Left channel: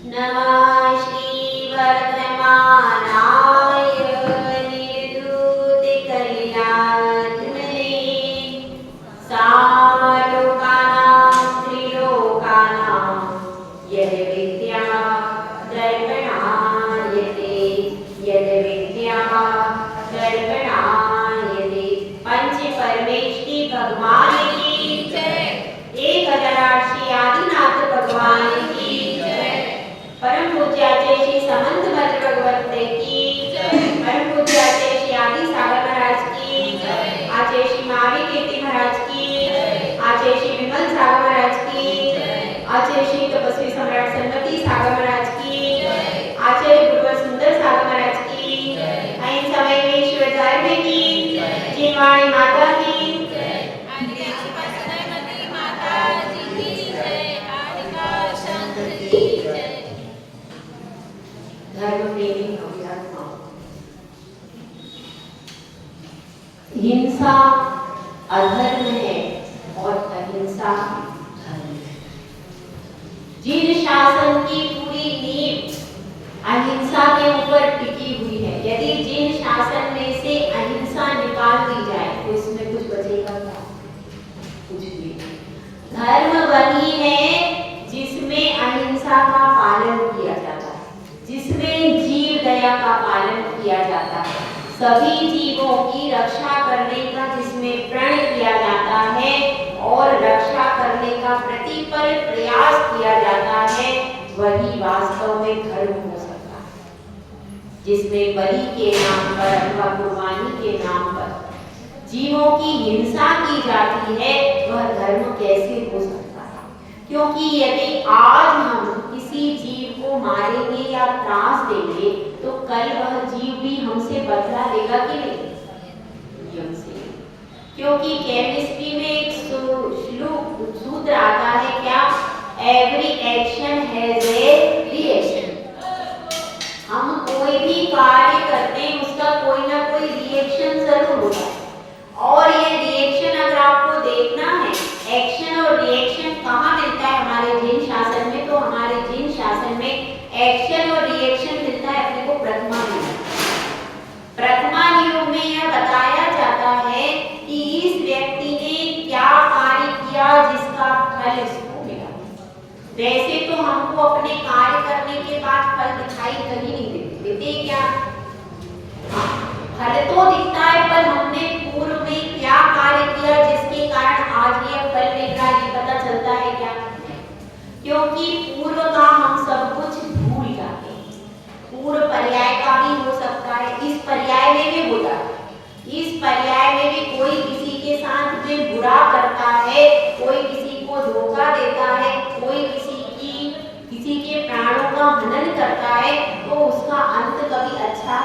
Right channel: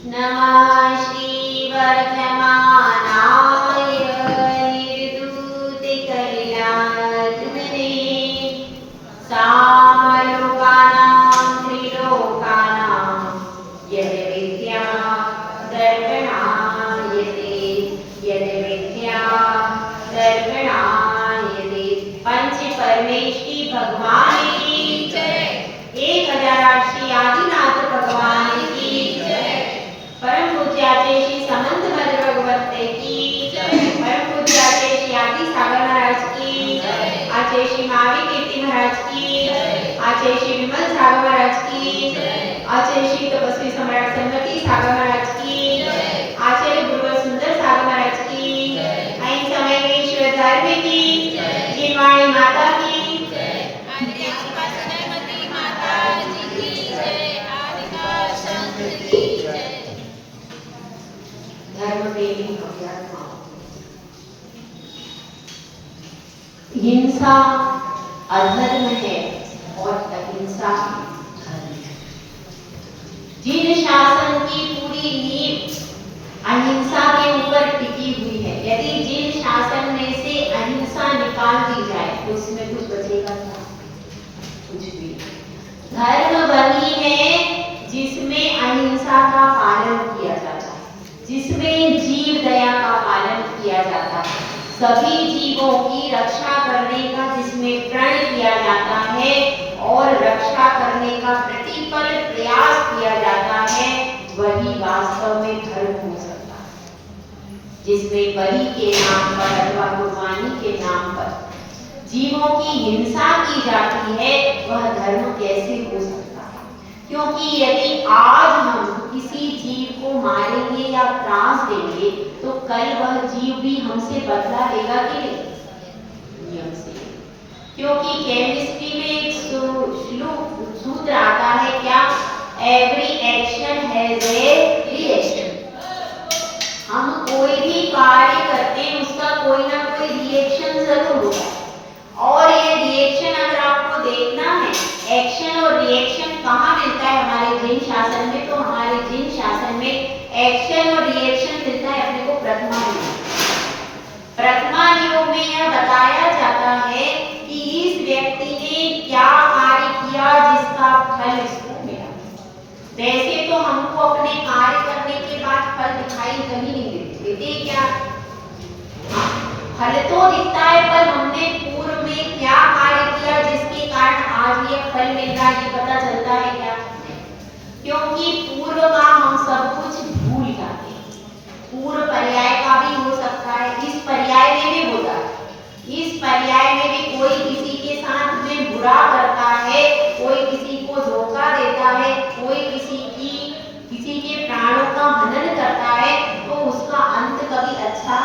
नमः श्रीवर्धमानाय निर्धूतिकैलासने सामलोकानां त्रिलोकानां यद्विद्या दर्पणायते यद्विद्या दर्पणायते। पंच परमेष्टि भगवान की जय। 1008 श्री आदिनाथ भगवान की जय। परम पूज्य आचार्य श्री समंत भद्र भगवत की जय। परम पूज्य आचार्य श्री आदि सागर महाराज की जय। आचार्य श्री महावीर कीर्ति महाराज की जय। आचार्य श्री विमल सागर महाराज की जय। आचार्य श्री तपस्वी सम्राट सन्मति सागर महाराज की जय। आचार्य गुरुवर सुंदर सागर महाराज की जय। ऐन समय में ईश्वर धर्म की जय। जिनवाणी माता की जय। आदिकाल सदैवती माता जी की जय। आदिकाल शंख की जय। धर्म प्रेमी अभ्यात्मा। हिंसा अधर्म है और अहिंसा धर्म है। जिन शासन की पूरी नींव अहिंसा के ऊपर टिकी हुई है, यदि जिन शासन में से अहिंसा निकाल दी जाए तो उसमें कुछ बचेगा क्या? कुछ भी नहीं। धर्म वही है जिसमें अहिंसा का पालन किया जाता है, जिसमें जीव दया का पालन किया जाता है, सभी जीवों की रक्षा करने का जिसमें प्रण किया जाता है और रक्षा करने का प्रतिपल प्रयास किया जाता है, वही वास्तव में धर्म हो सकता है। जिसमें बलि के नाम पर अथवा कुर्बानी के नाम पर जीवों की हिंसा की जाती है, वह धर्म कैसे हो सकता है? क्योंकि यदि आज हम किसी जीव को मारेंगे या त्रास देंगे तो कल वह जीव भी हमसे बदला लेगा कि नहीं? हमसे। क्योंकि केमिस्ट्री में एक सूत्र आता है क्या? Every action has a reaction. हम कोई भी कार्य करते हैं उसका कोई ना कोई रिएक्शन जरूर होगा, और ये रिएक्शन अगर आपको देखना है, एक्शन और रिएक्शन कहाँ मिलता है हमारे जिन शासन में? तो हमारे जिन शासन में एक्शन और रिएक्शन मिलता है अपने को प्रथमा योग। प्रथमा योग में यह बताया जाता है कि इस व्यक्ति ने क्या कार्य किया जिसका फल इसको मिला। वैसे तो हमको अपने कार्य करने के बाद फल दिखाई कहीं नहीं देते क्या? फल तो दिखता है, पर हमने पूर्व में क्या कार्य किया जिसके कारण आज यह फल मिल रहा है, ये पता चलता है क्या? क्योंकि पूर्व का हम सब कुछ भूल जाते हैं। पूर्व पर्याय का भी हो सकता है, इस पर्याय में भी होता है। इस पर्याय में भी कोई किसी के साथ में बुरा करता है, कोई किसी को धोखा देता है, कोई किसी के प्राणों का हनन करता है, तो उसका अंत कभी अच्छा।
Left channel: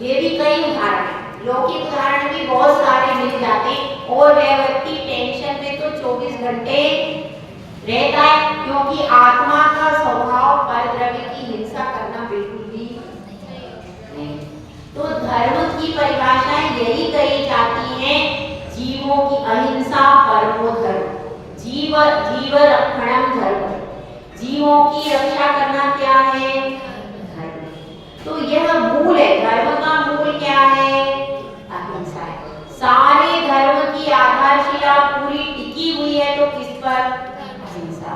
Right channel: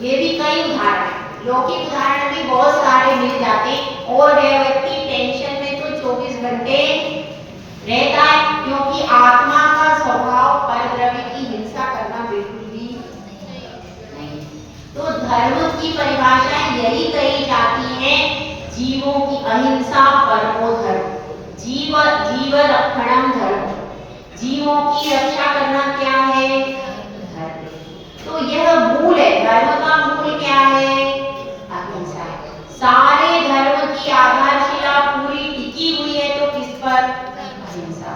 ये भी कई उदाहरण, लौकिक उदाहरण भी बहुत सारे मिल जाते हैं। और वह व्यक्ति टेंशन में तो 24 घंटे रहता है, क्योंकि आत्मा का स्वभाव परद्रव्य की हिंसा करना बिल्कुल भी नहीं। तो धर्म की परिभाषाएं यही कही जाती हैं, जीवों की अहिंसा परमो धर्म, जीव रक्षणम धर्म। जीवों की रक्षा करना क्या है? धर्म। तो यह मूल है, धर्म का मूल क्या है? अहिंसा है। सारे धर्म की आधारशिला पूरी टिकी हुई है तो किस पर? अहिंसा।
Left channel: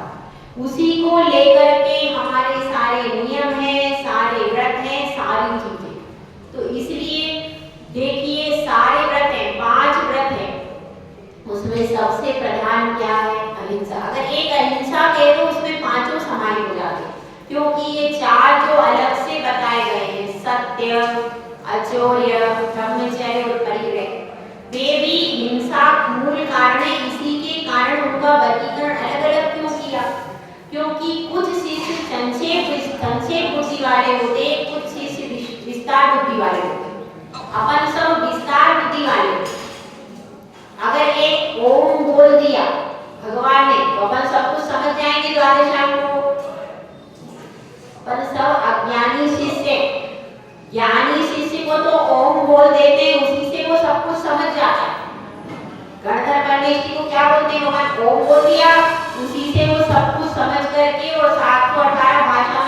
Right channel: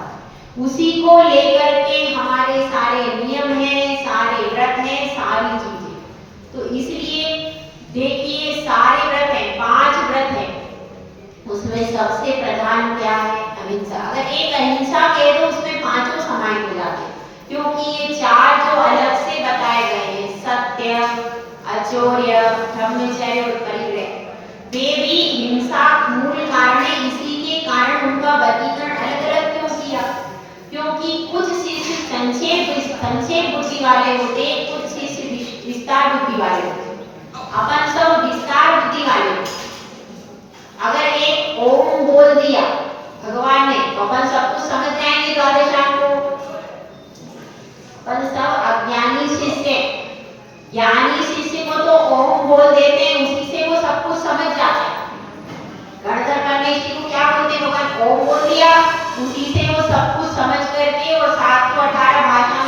उसी को लेकर के हमारे सारे नियम हैं, सारे व्रत हैं, सारी चीजें। तो इसलिए देखिए, सारे व्रत हैं, 5 व्रत हैं, उसमें सबसे प्रधान क्या है? अहिंसा। अगर एक अहिंसा कहे तो उसमें 5 समाहित हो जाते हैं, क्योंकि ये 4 जो अलग से बताए गए हैं, सत्य, अचौर्य, ब्रह्मचर्य और परिग्रह, वे भी हिंसा मूल कारण है। इसी के कारण उनका वर्गीकरण अलग अलग क्यों किया? क्योंकि कुछ शिष्य संक्षेप बुद्धि वाले होते, कुछ शिष्य विस्तार बुद्धि वाले होते। अपन सब विस्तार बुद्धि वाले होते। अगर एक ओम बोल दिया भगवान ने तो अपन सब कुछ समझ जाएंगे द्वादशांग को। अपन सब अज्ञानी शिष्य, ज्ञानी शिष्य को तो ओम बोल देते हैं, उसी से वो सब कुछ समझ जाता है। गणधर परमेश्वरी को क्या बोलते हैं भगवान? ओम बोल दिया, उसी से वो सब कुछ समझ करके और 718 भाषा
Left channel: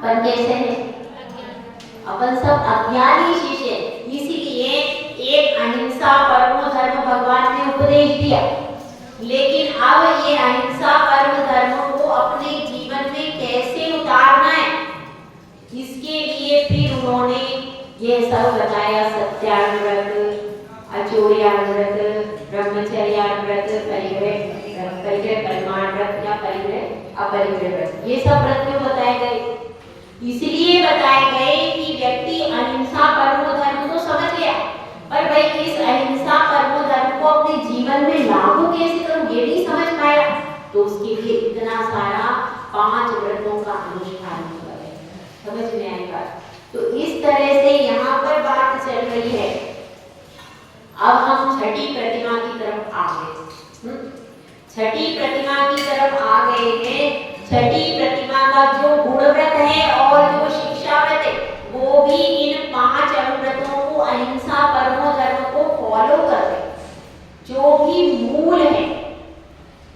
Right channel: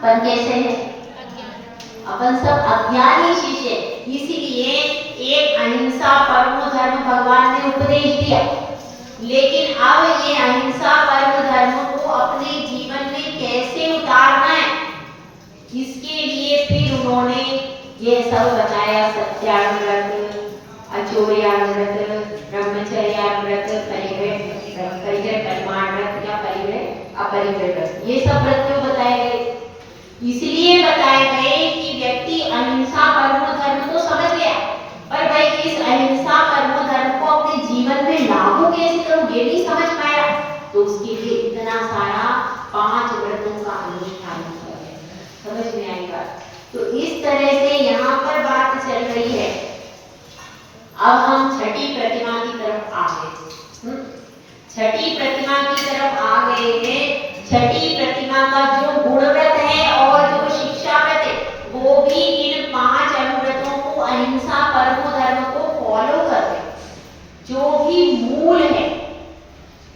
अपन कैसे हैं? अज्ञान। अपन सब अज्ञानी शिष्य, इसीलिए एक अहिंसा परमो धर्म भगवान ने उपदेश दिया। लेकिन अब ये अहिंसा परम धर्म को अपने जीवन में कैसे उतारना है, इसके लिए फिर उन्होंने ये सब बताया। सत्याव्रत, अचोर्याव्रत, ब्रह्मचर्याव्रत, परिग्रह परिमाण व्रत या परिग्रह अपरिग्रह व्रत, ये सब व्रत क्यों बताए गए? इसलिए बताए गए कि व्यक्ति अहिंसा परमो धर्म तो समझ गया, पर भाई इस अहिंसा परमो धर्म को अपने जीवन में लागू कैसे करूं ये नहीं समझ पाया, तो उसके लिए इतना सारा 5 व्रतों का अनुष्ठान किया गया। समझ में आई बात? तो इस तरह से यहाँ पर बात चल रही है। अब हम छठी प्रतिमा की तरफ आ गए। छठी प्रतिमा की तरफ आ गए हैं। छठी प्रतिमा का जो गुण व्रत है और जो शिक्षा व्रत है, वो भी इन 5 अनुव्रतों को, अहिंसा परमो धर्म को फॉलो करते हैं। जो भी मूल है,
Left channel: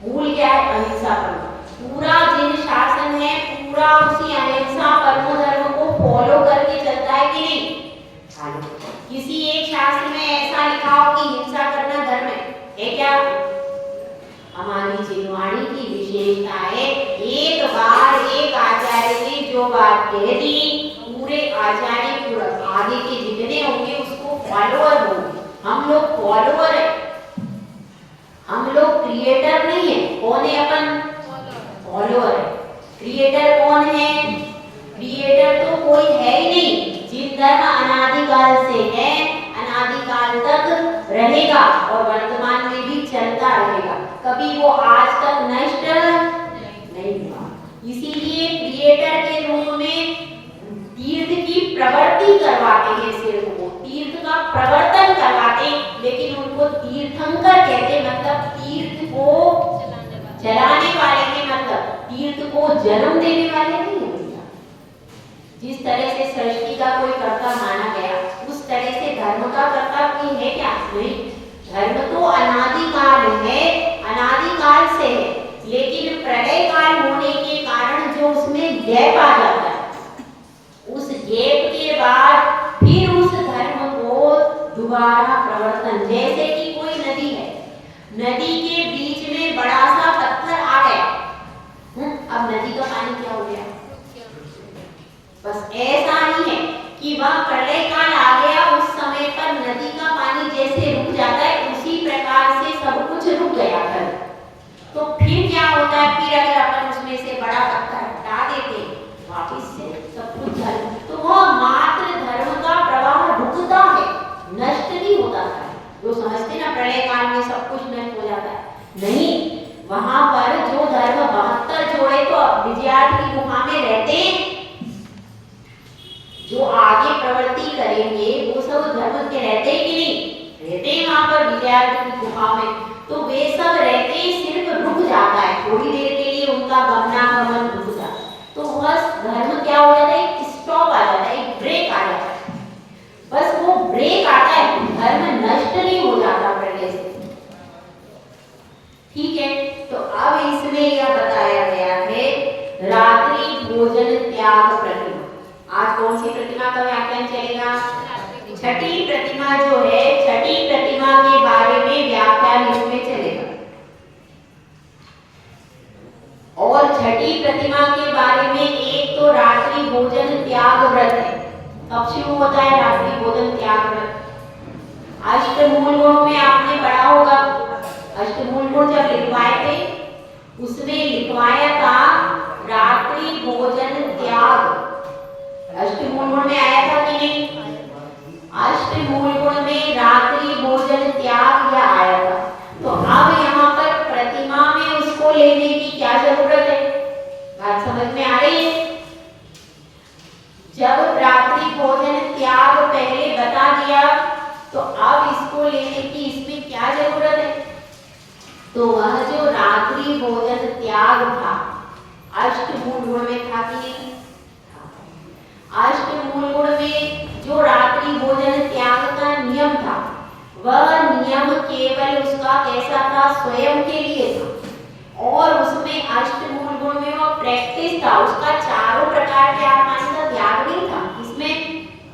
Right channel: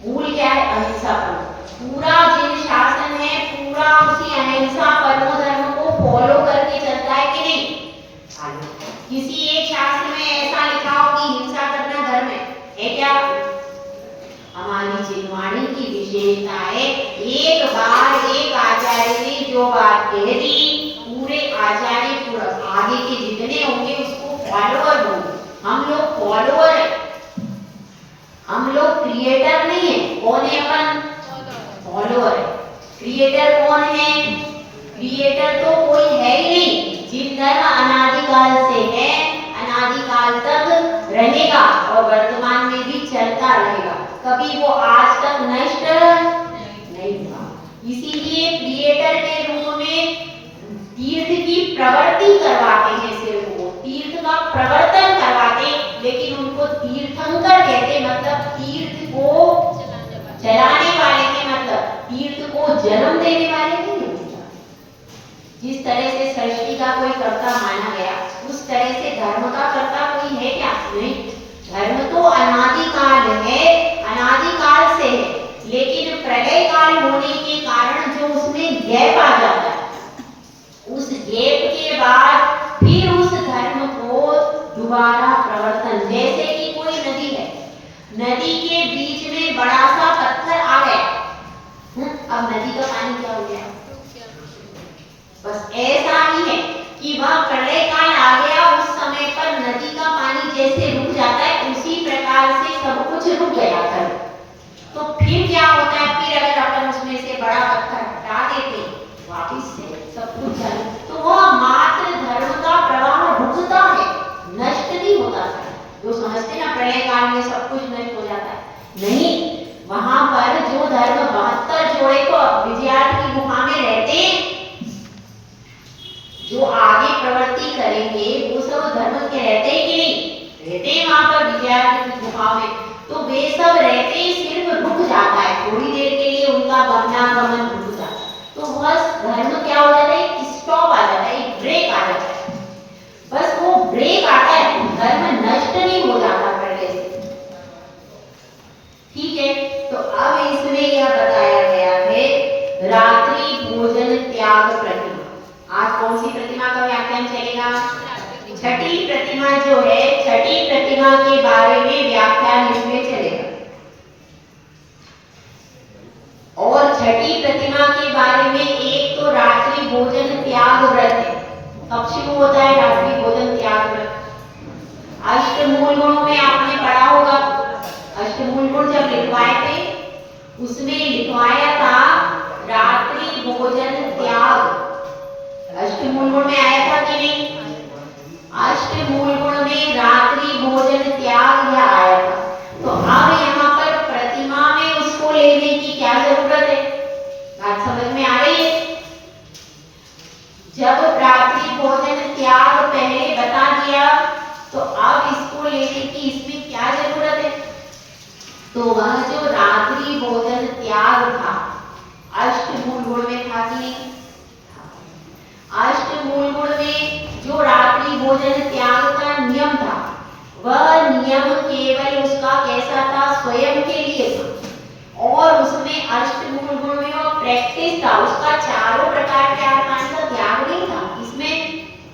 मूल क्या है? अहिंसा परमो। पूरा जिन शासन है पूरा उसी अहिंसा परमो धर्म को फॉलो करके चलता है कि नहीं? किसी एक शास्त्र में ऐसा लिखा हो कि हिंसा करना धर्म है क्या? हमारी जिनवाणी की विशेषता है, एक बार एक आचार्य ने जो बात कह दी, पूरे आचार्य पूरा आगे के जितने होंगे उसको फॉलोअर होंगे। हम लोग फॉलोअर है, हम लोग क्रिएटर नहीं है। कौन है अपन? फॉलोअर है। क्रिएटर कौन है? क्रिएटर तो कोई है ही नहीं। जिन धर्म अनादिकाल से है, अनादिकाल तक रहेगा और वर्तमान में भी चलता रहेगा, कभी वो आज तक नष्ट नहीं हुआ। इसीलिए क्रिएटर के रूप में तीर्थ की प्रवृत्ति करवाते हैं, सिर्फ वो तीर्थ का प्रवर्तन करवाते, लेकिन उनको तीर्थंकर कहते, मतलब तीर्थ को चलाने वाले के, मतलब तीर्थ को जन्म देने वाले नहीं होता। जिस तरह से सृष्टि का कोई कर्ता माना गया, उस तरह से धर्म का कर्ता कोई है क्या? नहीं। धर्म तो अनादिकाल है, अनादिकाल से है, लेकिन प्रलय काल होने के कारण जो उसमें गैप आ जाता है, उस गैप के बाद फिर उस धर्म को दोबारा प्रवर्तन, जैसे कि कोई नदी है, नदी के बीच में बड़ा सा पत्थर आ गया, अब नदी का पानी क्या हो गया? बस ऐसा ही है कि वह प्रलय काल आ गया, उस समय पर नदी का पानी जैसे रुक जाता है, उसी प्रकार से सब कुछ रुक गया कर। तो फिर क्या होता है? फिर अगर अपन उसमें से बड़ा पत्थर हटा देते वापिस से सब कुछ चालू, तो वह मात्र धर्म का प्रवाह रुकता है, नष्ट नहीं होता है। तो समझते ना प्रलय काल में सब कुछ नष्ट हो जाता है? नहीं, वहां पर जो धर्म 72 जोड़े तो विजयार्थ की गुफा में रहते, जो आगे प्रवृत्ति करेंगे वो सब धर्म के रहते हैं कि नहीं? रहते हैं वहां पर विजयार्थ की गुफा में। तो वे सब रहते ही सिर्फ रुक जाता है, थोड़ी देर के लिए उनका गमनागमन रुक जाता है, तो बस धर्म क्या हो जाता है? स्टॉप आ जाता है, एक ब्रेक आ जाता है। बस वो ब्रेक आता है, धर्म नष्ट नहीं हो जाता पहले से। ठीक है, तो अब इसमें यह बताया गया है रात्रि भोजन त्याग प्रतिमा। आज कौन सी प्रतिमा का व्याख्यान चलेगा? छठी प्रतिमा जो है, छठी प्रतिमा के बारे में व्याख्यान इसमें चलेगा। और छठी प्रतिमा के बारे में एक तो रात्रि भोजन त्याग व्रत है। कब शुरू होता है रात्रि भोजन त्याग व्रत? अष्टमूल गुणों में आपने पढ़ा होगा, अष्टमूल गुण जब लिखवाए थे उसमें लिखवाया था रात्रि भोजन त्याग। अष्टमूल गुण में आया था कि नहीं? अष्टमूल गुण में रात्रि भोजन त्याग यह आया था। तो अब यहाँ पर प्रतिमा में उसको लेने की क्या जरूरत है? बात समझ में आ रही है? जब रात्रि भोजन त्याग पहले बता दिया, तो अब इसको लेने की इसमें क्या जरूरत है? तो वह जो रात्रि भोजन त्याग था अष्टमूल गुण में था कि नहीं? अष्टमूल गुण में जो रात्रि भोजन त्याग का नियम था, वह नियम केवल उसका कैसा था? स्वयं के लिए था। और उसमें अष्टमूल गुण में वो प्रैक्टिस था, उसका चारों प्रकार के आत्मानी का त्याग नहीं था। इसमें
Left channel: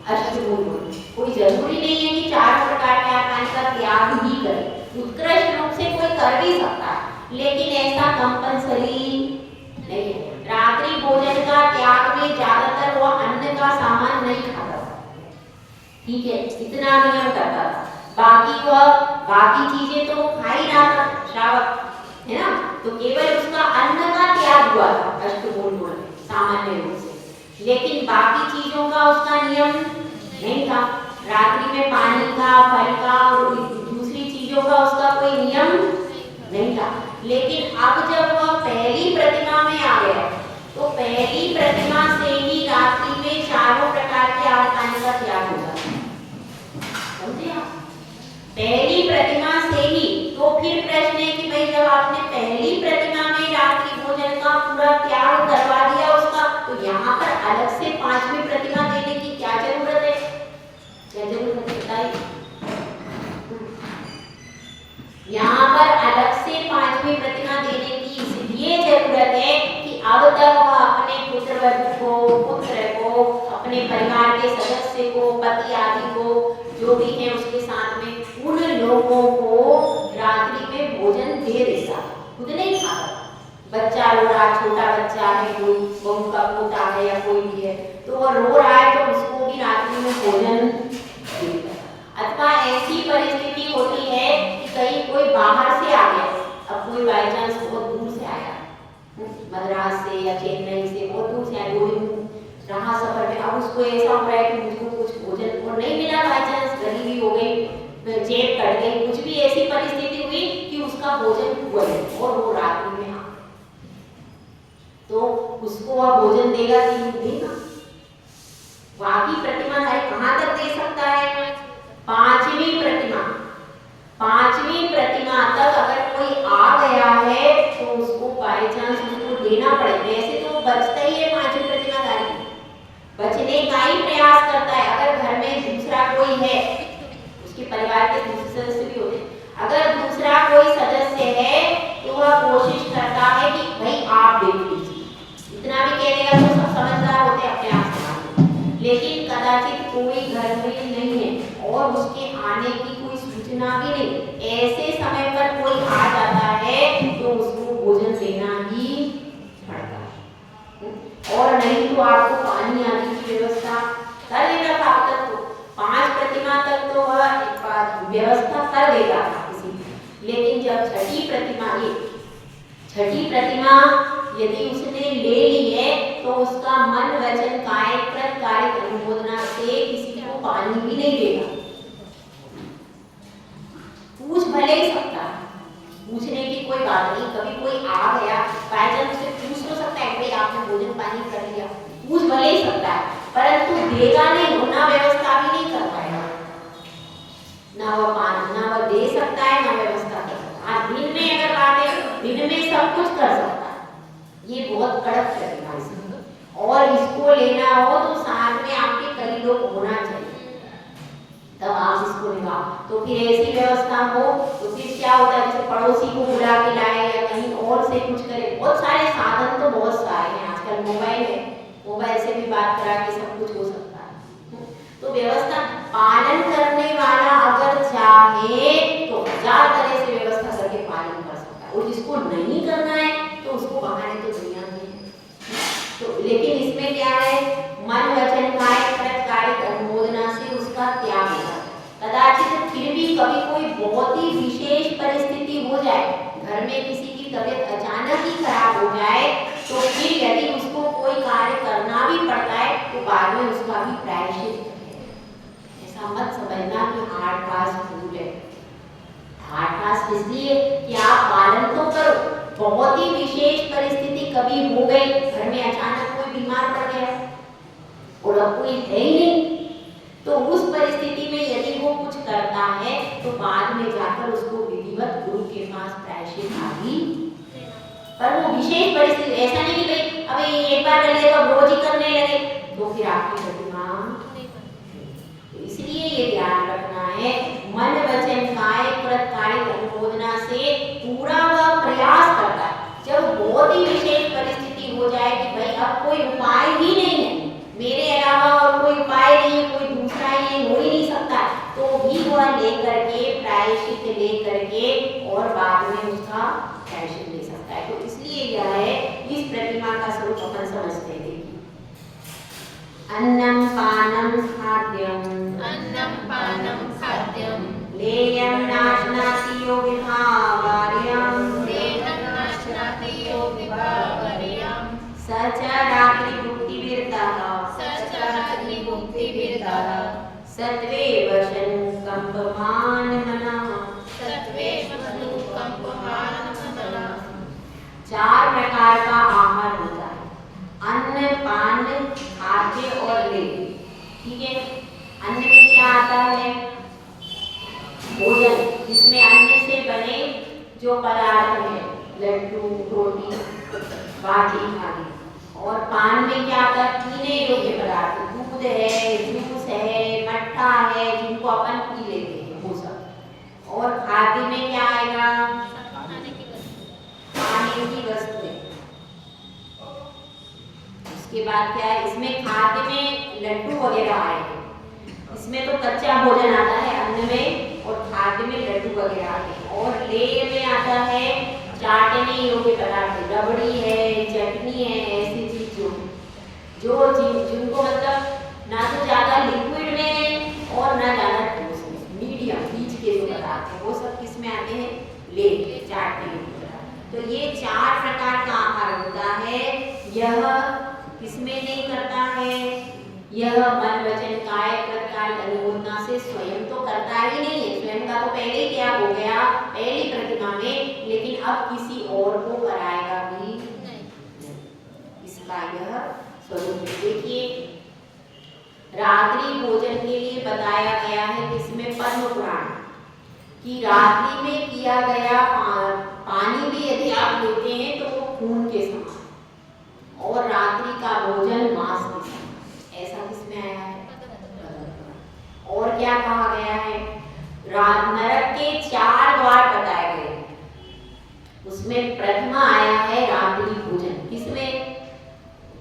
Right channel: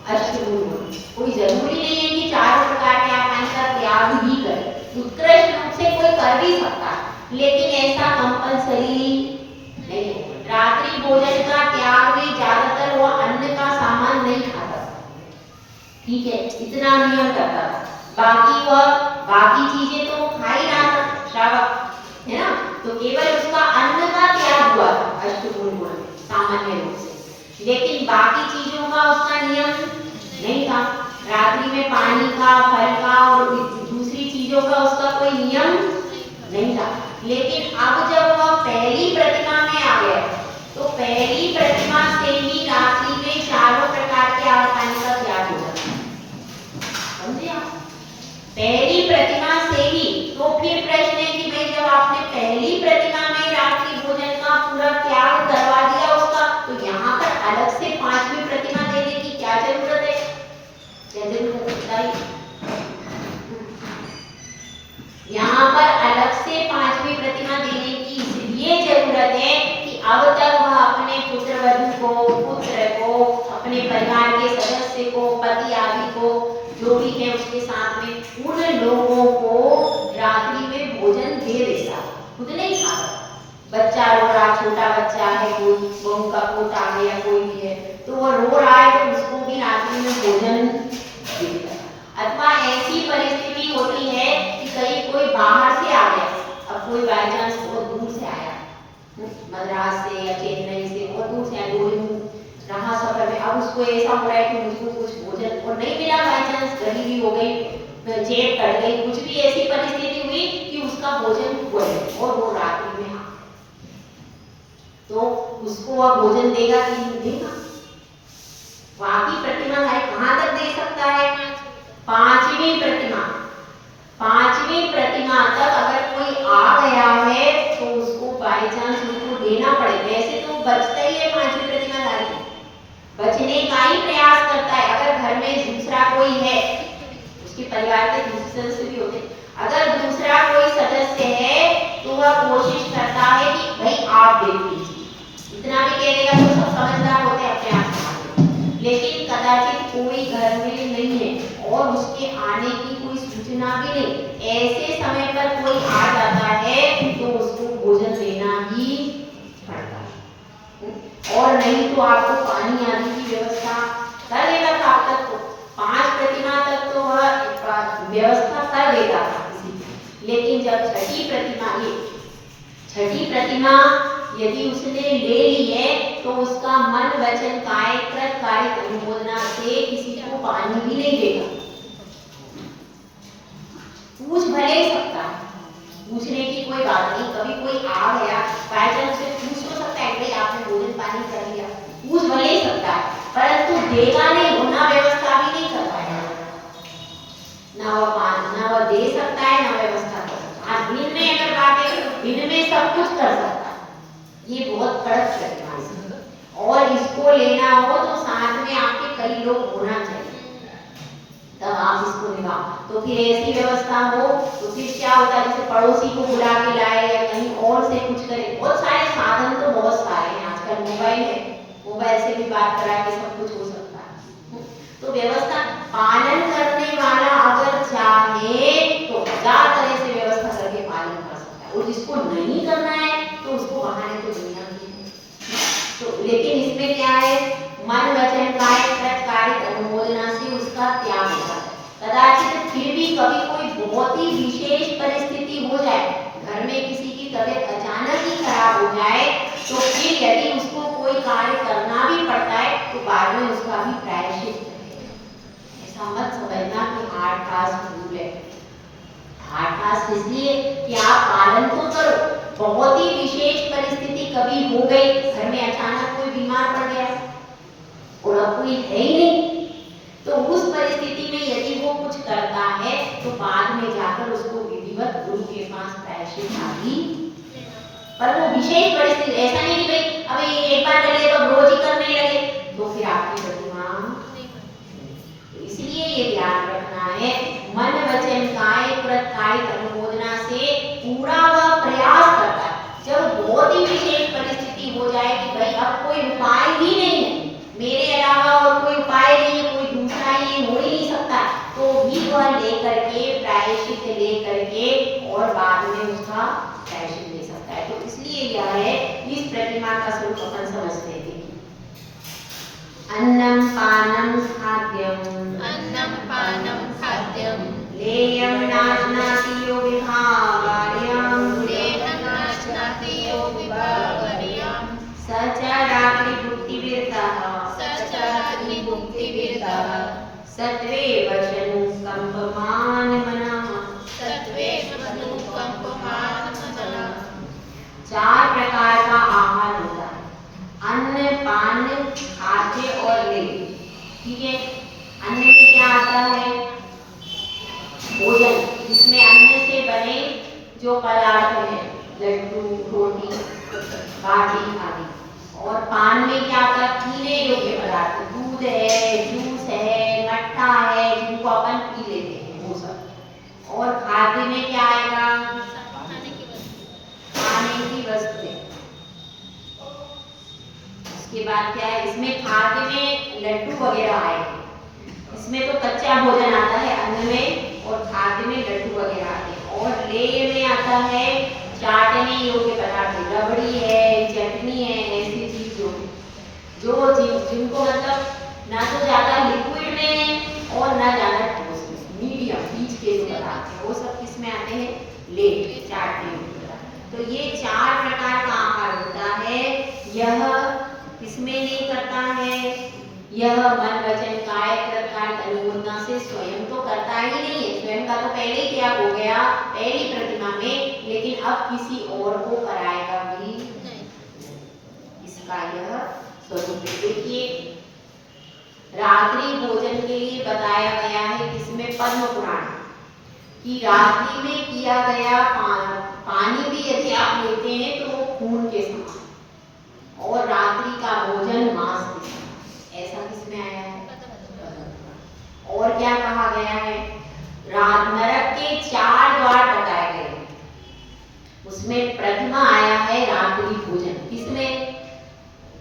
अष्टमूल गुण कोई जरूरी नहीं है कि चारों प्रकार के आत्मानी का त्याग ही करे, उत्कृष्ट रूप से कोई कर भी सकता है, लेकिन ऐसा कंपलसरी नहीं है। रात्रि भोजन का त्याग में ज्यादातर वो अन्न का सामान नहीं खाता, ठीक है, इतना नियम करता था। बाकी चीजें तो खा ही रहा था, श्रावक है ना, तो केवल उसका अन्न का त्याग हुआ था अष्टमूल गुण में सामान्य रूप से, लेकिन बाकी चीजों का उसका नियम नहीं था। रात्रि में पानी का, फल का और दूसरी चीजों का उसका कोई नियम नहीं था। लेकिन अब जब वह पहली प्रतिमा में आ गया तो पहली प्रतिमा से ही रात्रि में चारों प्रकार के आत्मानी का त्याग हो जाता है, समझे आप? पहली प्रतिमा से ही। तो फिर प्रश्न है कि भाई जब आपने पहली प्रतिमा में रात्रि भोजन का पूरा त्याग करवा दिया उसका, तो यहाँ पर अलग से पांचवी प्रतिमा देने की क्या जरूरत है? क्या जरूरत है बताइए? यहाँ पर अलग से पांचवी प्रतिमा देने की इसलिए जरूरत है कि अब तक वह अपने पुत्रवधू को, पुत्र को, अपने परिवार के सदस्य को, पति आदि को, जो भी है उसके साथ में, उन लोगों को रात्रि में भोजन दे देता, खुद नहीं खाता। बच्चा रो रहा, छोटा बच्चा है, कोई बहू का पोता है या कोई भी है, तो वह रो रहा है तो उसको भी रात्रि में भोजन देता है। अथवा ऐसी परिस्थिति होती है कि कहीं कोई बाहर से आ गया, अब कोई बाई चांस बहुत दूर से आया, मद्रास से या चेन्नई से बहुत दूर से आया, रहा सफर में, अब उसको ऐसा हो रहा है कि मुझको कुछ भोजन और नहीं मिला, बाई चांस गरीबी हो गई, जेब कट गई, कुछ भी ऐसी परिस्थिति हुई कि उसका भोजन हुआ और वो रात्रि में आ, तो उसको वह भोजन देगा कि नहीं देगा? बाकी प्रतिमा है कहाँ तक दे सकता है? पांचवी प्रतिमा, पांचवी प्रतिमा तक अगर कोई आ गया है तो उसको बाई चांस उसको देना पड़े। वैसे तो बचता ही है पांचवी प्रतिमा धारी, बचने का ही प्रयास करता है। अगर घर में दूसरा कोई है, उसके परिवार के दूसरे सदस्य भी होते, अगर दूसरा कोई सदस्य है तो वह कोशिश करता है कि भाई आप देख लीजिए, इतना भी कह देगा तो सब समझदार होते अपने आप से। लेकिन कदाचित कोई घर में नहीं है और उसके आने की कोई सूचना भी नहीं, ऐसे समय पर कोई आ जाता है तो उसको भोजन देना ही पड़ता है। और नहीं तो आपको पानी आदि की व्यवस्था कर देगा था। अब तक तो 5 प्रतिमा तक तो वह व्यवस्था कर देगा था किसी की, लेकिन जब छठी प्रतिमा यदि उसने ले ली है तो उसका मन वचन काय कृत कार्य अनुमोदना से किसी को पानी भी नहीं देगा। पूछ भले ही सकता है, पूछने की कोई बात नहीं, कभी कोई आ गया बाइजन उसे पूछ तो सकता है भाई आपने भोजन पानी कर लिया, पूछ भले ही सकता है, परंतु देगा नहीं, होना व्यवस्था भी नहीं कर पाएगा, ना वह दे सकता है ना व्यवस्था कर सकता है। दिन में अगर बात है दिन में सब कुछ कर सकता है, ये बहुत कड़क प्रतिमा है और इसको लेना हो तो साथ में आपके कई लोग होना चाहिए तब आप इसको निभा। तो फिर ऐसी व्यवस्था हो तो फिर क्या होता है, जैसे पड़ोसी को बुला के लाए या कहीं और से कुछ करे, बहुत सारे साधन तो बहुत सारे हैं, आजकल मोबाइल है, मोबाइल से भी बात करा के सब कुछ हो सकता है। तो व्यवस्था पालन करने वाला अगर चाहे तो 1000 तरह से व्यवस्था करके पालन कर सकता है, और जिसको नहीं करना है तो उसको बहाने तो दुनिया में। तो लेकिन इसमें क्या है, मन वचन काय कृत कार्य अनुमोदना से उसका त्याग होता है। कदाचित फिर भी कभी कोई बहुत ही विशेष परिस्थिति हो जाए, घर में किसी की तबीयत अचानक ही खराब हो जाए, तो फिर यदि उसको कोई कार्य करना भी पड़ता है तो बाद में उसका भी प्रायश्चित है। ऐसा मत समझना कि हार्ड फास्ट रूल है, हार्ड फास्ट इसलिए कि आप पालन तो करो। बहुत ही विशेष परिस्थिति कभी हो गई, घर में अचानक कोई बीमार पड़ गया और अब कोई है ही नहीं, तो उस परिस्थिति में यदि वो कुछ करता है तो बाद में जाकर उसको विधिवत गुरु के पास प्रायश्चित आदि, पर वो विशेष परिस्थिति, ऐसा नहीं कि भाई अभी एक बार कर लिया तो रोज ही करने लगे तो फिर आपकी प्रतिमा। इसलिए ये ध्यान रखना है, मन वचन काय कृत कार्य अनुमोदना से पूरा वह प्रयास करता है बहुत ही विशेष परिस्थिति हो जाए कि भाई अब कोई उपाय ही नहीं है, मेरे अलावा और कोई उपाय नहीं है, कोई दूसरा ये हो ही नहीं सकता, तो भी वह लेकर के प्रायश्चित लेकर के और बाद में उसका प्रायश्चित ले सकता है। तो इसलिए यह है, इस प्रतिमा का स्वरूप अपन समझते थे कि अन्नम पानम खाद्यम, अन्नं पानं खाद्यं लेयम नाशनाति योगिभावार्यम, देहं नाशनाति योगिभावर्यं स च रात्रिभुक्तिविरतः, स च रात्रिभुक्तिविरतः सत्वेव शनुकंपमानमनः। सत्त्वेव अनुकंपमानमनः। 4 प्रकार का आहार होता है, अन्न, पान, खाद्य और लेय। ठीक है, अन्न में क्या आता है? भोजन, जिसमें अन्न से बने जो पदार्थ हैं, लड्डू, रोटी, बाटी आदि। और पान में क्या आता है? पीने योग्य पदार्थ, दूध है, जूस है, मट्ठा है, जिनको अपन पी लेते हैं वो सब। और खाद्य में क्या आएगा? खाने की वस्तु खाने की वस्तुएं। इसके बाद क्या है? इसमें खाद्य में लड्डू वगैरह आएंगे, इसमें तो कच्चा भोजन आता है अन्न में, और खाद्य में लड्डू वगैरह आते हैं। और लेय में आता है चाटने योग्य पदार्थ, रबड़ी है, चटनी है, ऐसी चीज जिनको मतलब ना तो ज्यादा लिक्विड में और ना ज्यादा ठोस में, मीडियम बीच के जो पदार्थ है वो सब किसमें आते हैं? लेय, चाटने योग्य पदार्थ। तो ये 4 प्रकार का आहार होता है। यह किसमें नहीं करता है? यह मन वचन काय प्रकार अनुमोदना से स्वयं तो करता ही नहीं है, स्वयं का तो पहले ही क्या हो गया पहली प्रतिमा में, लेकिन अब किसी और को कराएगा भी नहीं। इसका यह स्वरूप है। देखिए, रात्रि भोजन के लिए बताया गया है इसमें पद्म पुराण कि रात्रि में किया गया पानी भी यदि आप लेते हैं तो वो खून के समान, और रात्रि का भोजन मांस के समान, ऐसा किसमें आया है? और क्या कहा गया है? नरक के 4 द्वार बताए गए हैं, उसमें प्रथम आया है रात्रि भोजन। किसमें?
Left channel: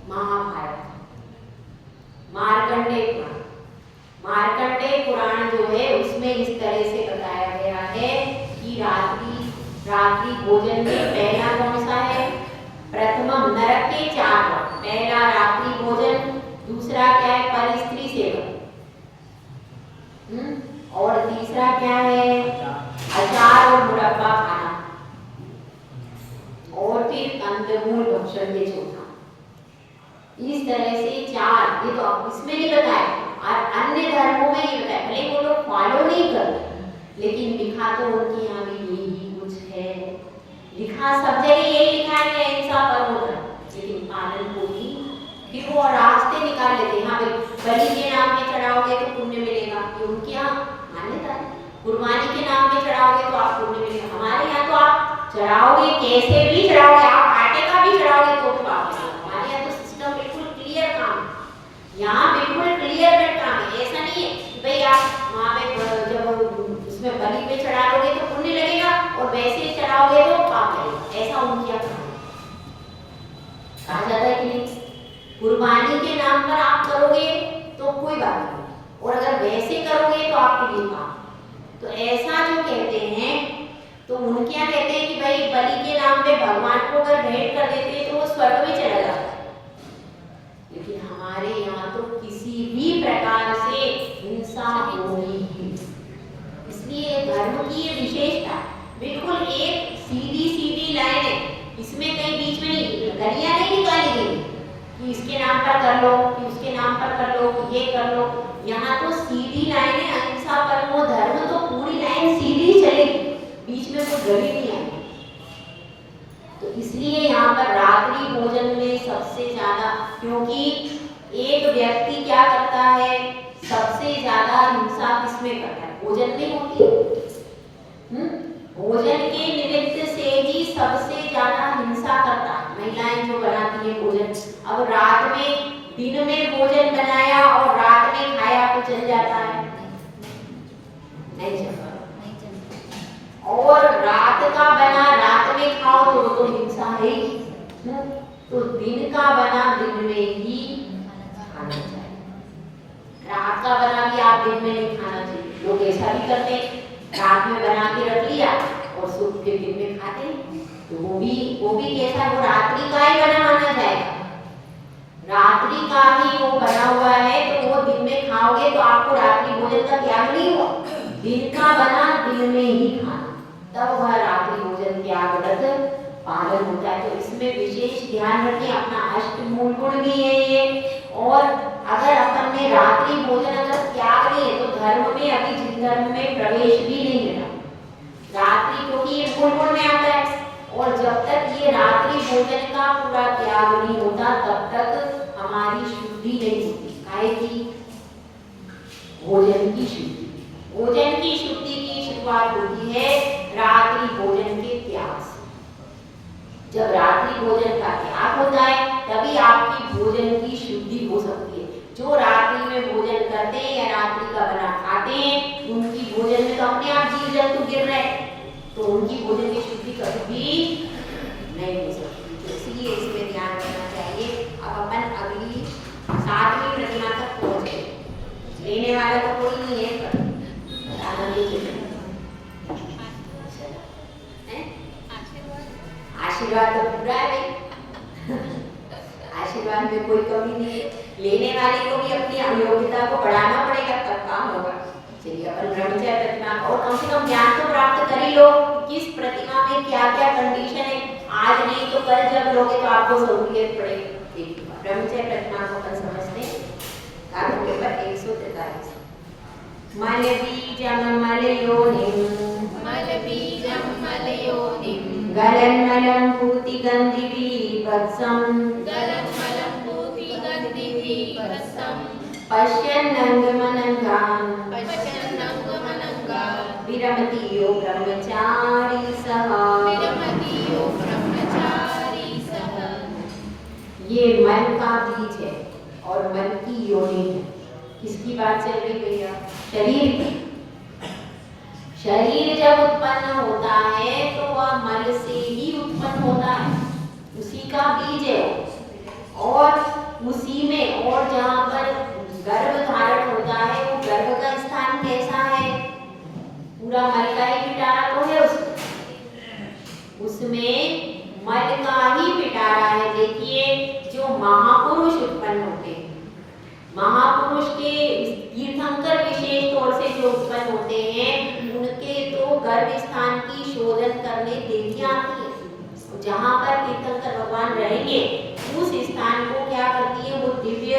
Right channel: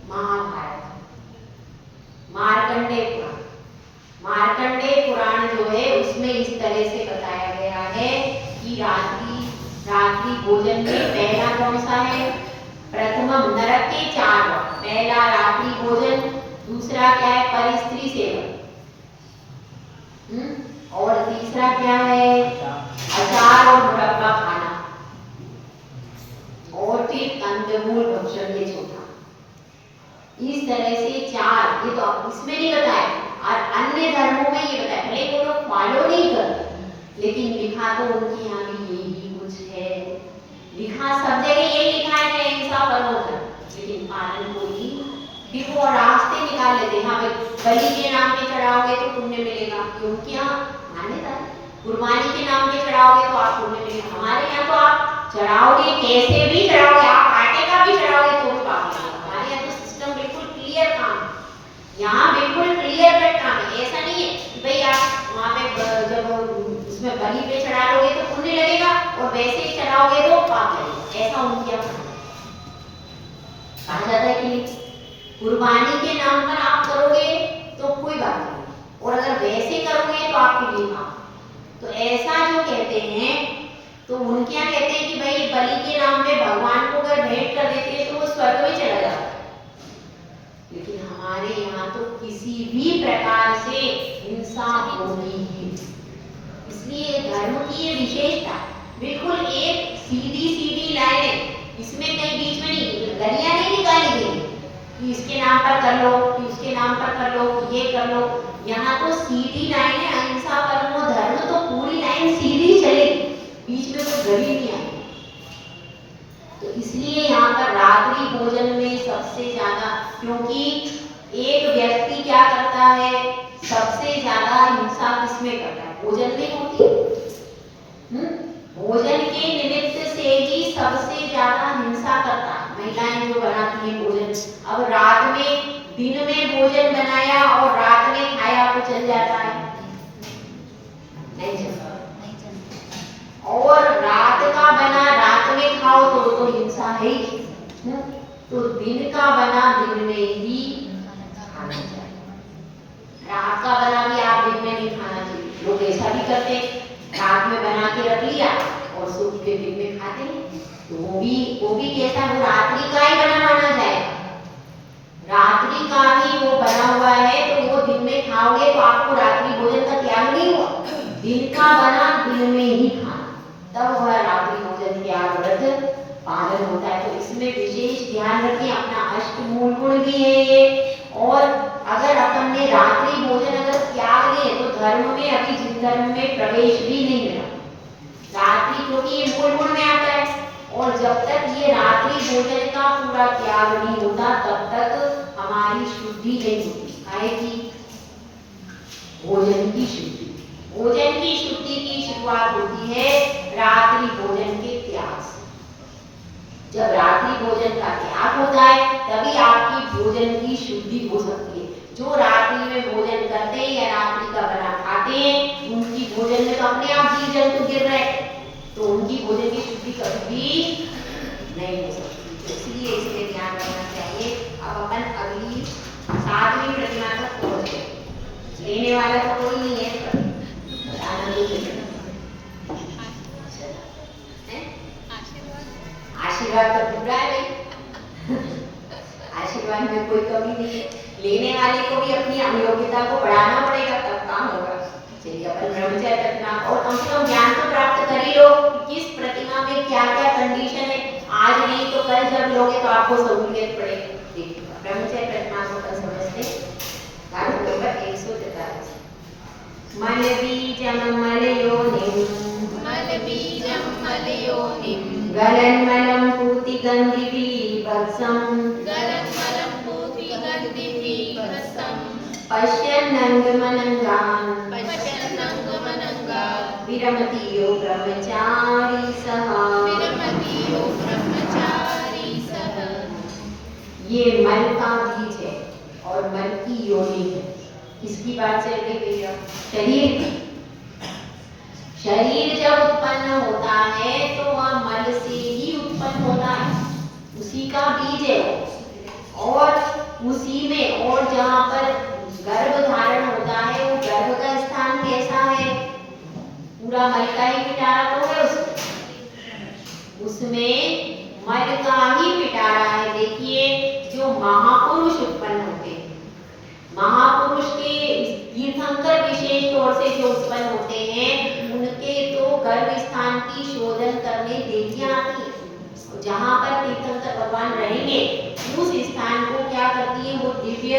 महाभारत, मार्कंडेय पुराण। मार्कंडेय पुराण जो है उसमें इस तरह से बताया गया है कि रात्रि भोजन में पहला कौन सा है? प्रथमम नरक के 4 द्वार, पहला रात्रि भोजन, दूसरा क्या है? परिस्त्री सेवन, और तीसरा क्या है? अचार और मुरब्बा खाना, और फिर कंदमूल भक्षण के चौथा। इस तरह से 4, ये तो इसमें नहीं बताया, और अन्य धर्मों में ये बताया, भले वो लोग फॉलो नहीं करते, लेकिन लिखा तो उनके यहाँ भी यही कुछ है। लिखा सब जगह यही लिखा है, अहिंसा परमो धर्म, लेकिन पालन कोई फिर वो रास्ते निकाल लेते हैं। हाँ भाई, बलि के नाम पे चढ़ाओगे तो पुण्य मिलेगा, उनके यहाँ मान्यता है। कुर्बानी के नाम पे चढ़ाओगे तो आप पुण्य मिलेगा, हमारे यहाँ तो आप चढ़ाओगे कैसे भी चढ़ाओगे, आप आटे का भी चढ़ाओगे तो पाप मिलेगा। हमारे यहाँ तो सिस्टम बिल्कुल क्लियर काम है, यहाँ बिल्कुल क्लियर कट काम है। ऐसा नहीं है कि भाई आप वहाँ पे जब उसमें बलि पे चढ़ा लोगे तो पुण्य लगेगा और वैसे ही चढ़ाओगे तो पाप लगेगा, ऐसा उनके यहाँ कहा जाता है कि कुर्बानी के नाम पर आप करोगे तो कोई बात नहीं, और अगर वैसे करोगे तो आपके लिए पाप। तो ऐसा जो कहते हैं, तो उनके यहाँ कहते हैं कि भाई बलि के नाम पे भगवान को अगर भेंट कर देते हैं तो वो स्वर्ग में चला जाता है, लेकिन हमारे यहाँ तो किसी भी प्रकार से हिंसा होनी है। इसलिए धर्म की ये विशेषता बिल्कुल एक सीधी लाइन है, इसमें कहीं बीच में नहीं गलियां नहीं निकाली गई कि इसके नाम पर कर लो, कि उसके नाम पर कर लो, ये कर लो। यहाँ तो सीधी लाइन है, अहिंसा परमो धर्म, तो पूरी लाइन सीधी चलेगी, बीच में कोई गली नहीं आएगी। तो इसलिए यहाँ पर रात्रि भोजन में सबसे ज्यादा, क्योंकि एक व्यक्ति क्या करता है, सबसे ज्यादा हिंसा किसमें करता है? भोजन में होती है। भोजन के निमित्त से ही सबसे ज्यादा हिंसा करता है महिलाएं जो बनाती है भोजन। अब रात में, दिन में भोजन बनाया और रात में खाया तो चल जाता है? नहीं चलता। और रात का बना रात में खाओ तो वो तो हिंसा है ही। तो दिन का बना दिन में ही खाना चाहिए, रात का बना भी आप दिन में नहीं खाना चाहिए। लोग ऐसा भी करते हैं, रात में बना के रख लिया और सुबह के दिन में खाते हैं, तो वो भी कैसा, वो रात्रि का ही बना जाएगा, रात्रि का ही वो बना हुआ है, तो वो दिन में खाओगे तो आपको रात्रि भोजन का त्याग नहीं हुआ। दिन का बना दिन में ही खाना, तब वह रात्रि भोजन त्याग व्रत पालन होता है। तो इसमें विशेष ध्यान रखें, अपना अष्टमूल गुण भी है ये। और अगर अपन ने रात्रि भोजन अगर त्याग दिए तो धर्म में, अभी जिस धर्म में प्रवेश भी नहीं मिला रात्रि, क्योंकि ये मूल गुण में आता है। और जब तक ये रात्रि भोजन का पूरा त्याग नहीं होता तब तक हमारी शुद्धि नहीं होती। काहे की? भोजन की शुद्धि। भोजन की शुद्धि की शुरुआत होती है रात्रि भोजन के त्याग से। जब रात्रि भोजन का त्याग होता है तभी आपकी भोजन की शुद्धि हो सकती है। जो रात्रि में भोजन करते हैं या रात्रि का बना खाते हैं, उनकी भोजन में तो अपने आप जीव जंतु गिर रहे हैं, तो उनकी भोजन की शुद्धि कभी भी नहीं हो सकती। तो इसलिए इसमें ध्यान रखना चाहिए। अब अपन अगली 7वीं प्रतिमा तक पहुंच गए, लेने वाला तो कोई नहीं है, आशीर्वाद तो पूरा है भाई, आशीर्वाद में कोई कमी नहीं है। लेने वाले को भी अपनी योग्यता को बढ़ाना पड़ेगा, तब काम होगा। चलिए अपन ब्रह्मचर्य प्रतिमा और कम से कम ज्ञान तो प्राप्त कर ही लो कि किस प्रतिमा में क्या क्या कंडीशन है। आज नहीं तो कल जब लोगे तो आपको सहूलियत पड़ेगी। देखिए ब्रह्मचर्य प्रतिमा को अपन समझते हैं। कार्य पेपर 143। मलबीजं मलयोनिं गलन्मलं पूतिगन्धिभिः वत्सं पश्यन्नङ्गमनङ्गान् विरमति यो ब्रह्मचारी सः। ये मल का बीज है और मल की योनि है। किसकी बात चल रही भैया? शरीर जब उत्पन्न होता है तो वह मल से ही उत्पन्न होता है, उसी का बीज है। और उसी में और जहाँ पर गर्भ धारण होता है, वो गर्भ का स्थान कैसा है? पूरा मल का ही पिटारा तो है उसमें मल का ही पिटारा है। देखिए जो महापुरुष उत्पन्न होते हैं, महापुरुष के तीर्थंकर विशेष तौर से जो उत्पन्न होते हैं, उनके तो गर्भ स्थान की शोधन करने देवियां आती है। जहाँ पर तीर्थंकर भगवान रहेंगे उस स्थान को क्या करती है, वो दिव्य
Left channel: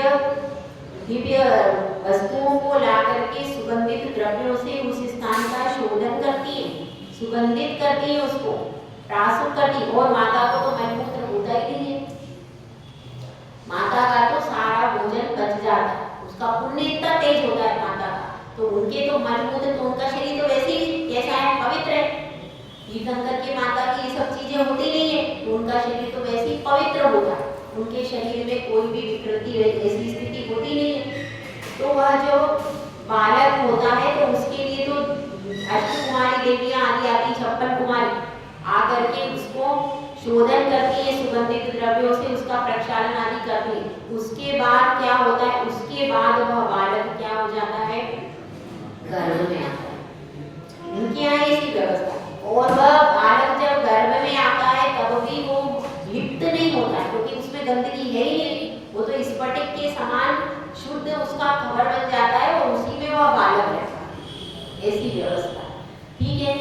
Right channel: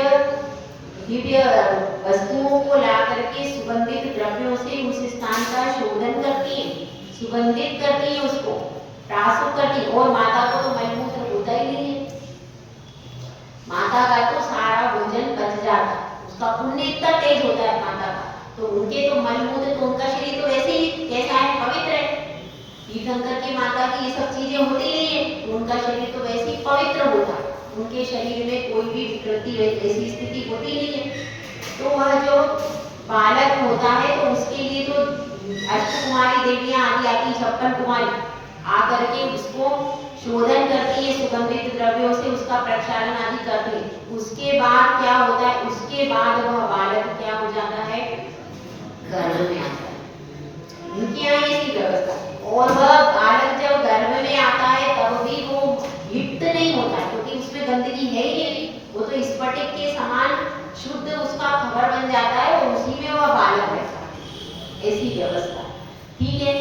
वस्तुओं को ला करके सुगंधित द्रव्यों से उस स्थान का शोधन करती है, सुगंधित करती है, उसको प्रासुक करती है। और माता को तो मलमूत्र होता ही नहीं है, माता का तो सारा भोजन बच जाता है, उसका पुण्य इतना तेज होता है माता का। तो उनके तो मलमूत्र, तो उनका शरीर तो वैसे ही कैसा है, पवित्र है। तीर्थंकर की माता की ये सब चीजें होती नहीं है, तो उनका शरीर तो वैसे ही पवित्र होता है, उनके शरीर में कोई भी विकृति ऐसी स्थिति होती नहीं है। तो वह जो बालक होता है तो उसके लिए तो अष्टकुमारी देवियां आदि आती, 56 कुमारी आकर के उसको शोधन करती है, सुगंधित द्रव्यों से उसका प्रक्षालन आदि करती है। उसके बाद क्या होता है, उसके बाद वह बालक क्या हो जाता है, गर्भ में आता है। उनके यहाँ ऐसी व्यवस्था। और वह बालक जब गर्भ में आता है तब भी वो लिप्त नहीं होता है, क्योंकि उसमें गंदगी है ही नहीं, वो तो स्फटिक के समान शुद्ध उसका खबर बन जाता है और उसी में वह बालक रहता है। ऐसी व्यवस्था, ठीक है।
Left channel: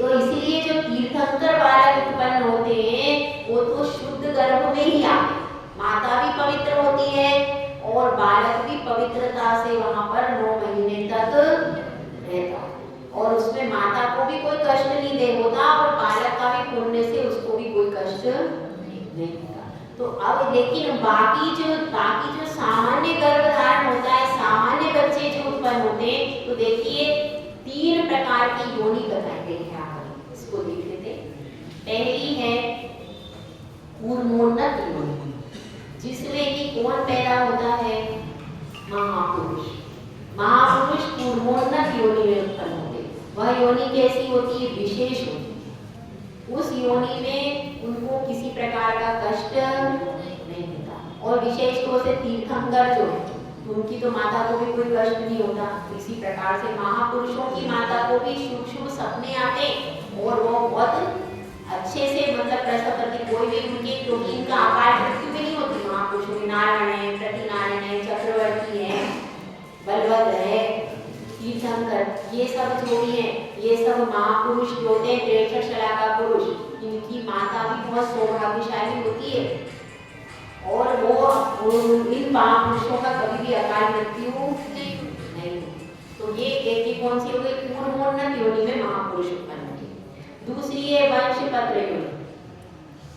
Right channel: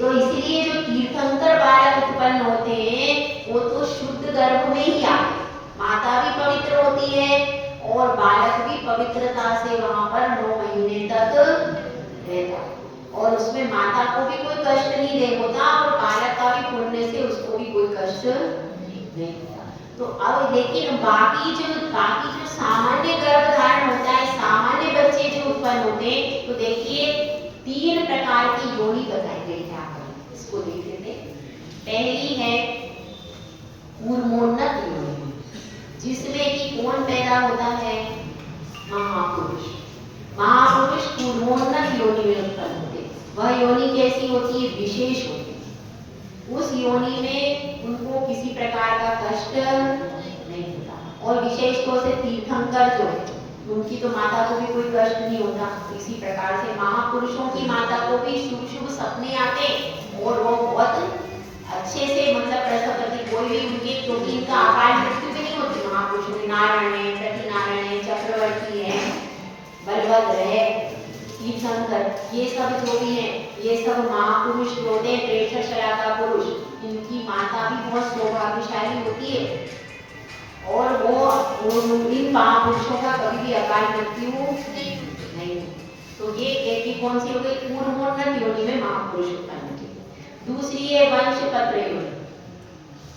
तो इसीलिए जो तीर्थंकर बालक उत्पन्न होते हैं वो तो शुद्ध गर्भ में ही आते हैं, माता भी पवित्र होती है और बालक भी पवित्रता से वहां पर 9 महीने तक रहता है, और उसमें माता को भी कोई कष्ट नहीं दे होता और बालक का भी पुण्य से उसको भी कोई कष्ट नहीं होता। तो अब लेकिन बाकी जो सामान्य गर्भधारण होता है, सामान्य बच्चे जो उत्पन्न होते हैं, तो देखिए 3 प्रकार की योनि बताई गई है। आप इसको देख लेते हैं। पहली है कूर्मोन्नत योनि, जिसमें कि कौन पैदा होता है, महापुरुष। महापुरुष कूर्मोन्नत योनि में उत्पन्न होते हैं। वह योनि कैसी होती है, विशेष होती है। उस योनि में उनको किसी प्रकार का कष्ट नहीं होता। और विशेष तौर से तीर्थंकर जो है उनकी तो माता को भी कोई कष्ट नहीं होता। इसी प्रकार से महापुरुषों की माता को भी शुभ शुभ सपने आते और वो बहुत अच्छे से मतलब प्रसव करती। कोई भी उनके क्योंकि इनका अकाल मृत्यु भी नहीं होती। महापुरुषों में नारायण है, प्रतिनारायण है, चक्रवर्ती है, बलभद्र है, तीर्थंकर, ये सब जो भी है ये सब महापुरुष जो होते हैं, प्रेषक शलाका पुरुष, इनकी माता भी बहुत सौभाग्यशाली होती है और वो इन महापुरुषों का कभी भी अकाल मृत्यु नहीं होती। तो ये एक कौन सी हो गई? पूर्वोन्नत योनि में महापुरुष उत्पन्न होते। दूसरी है वंशपत्र योनि।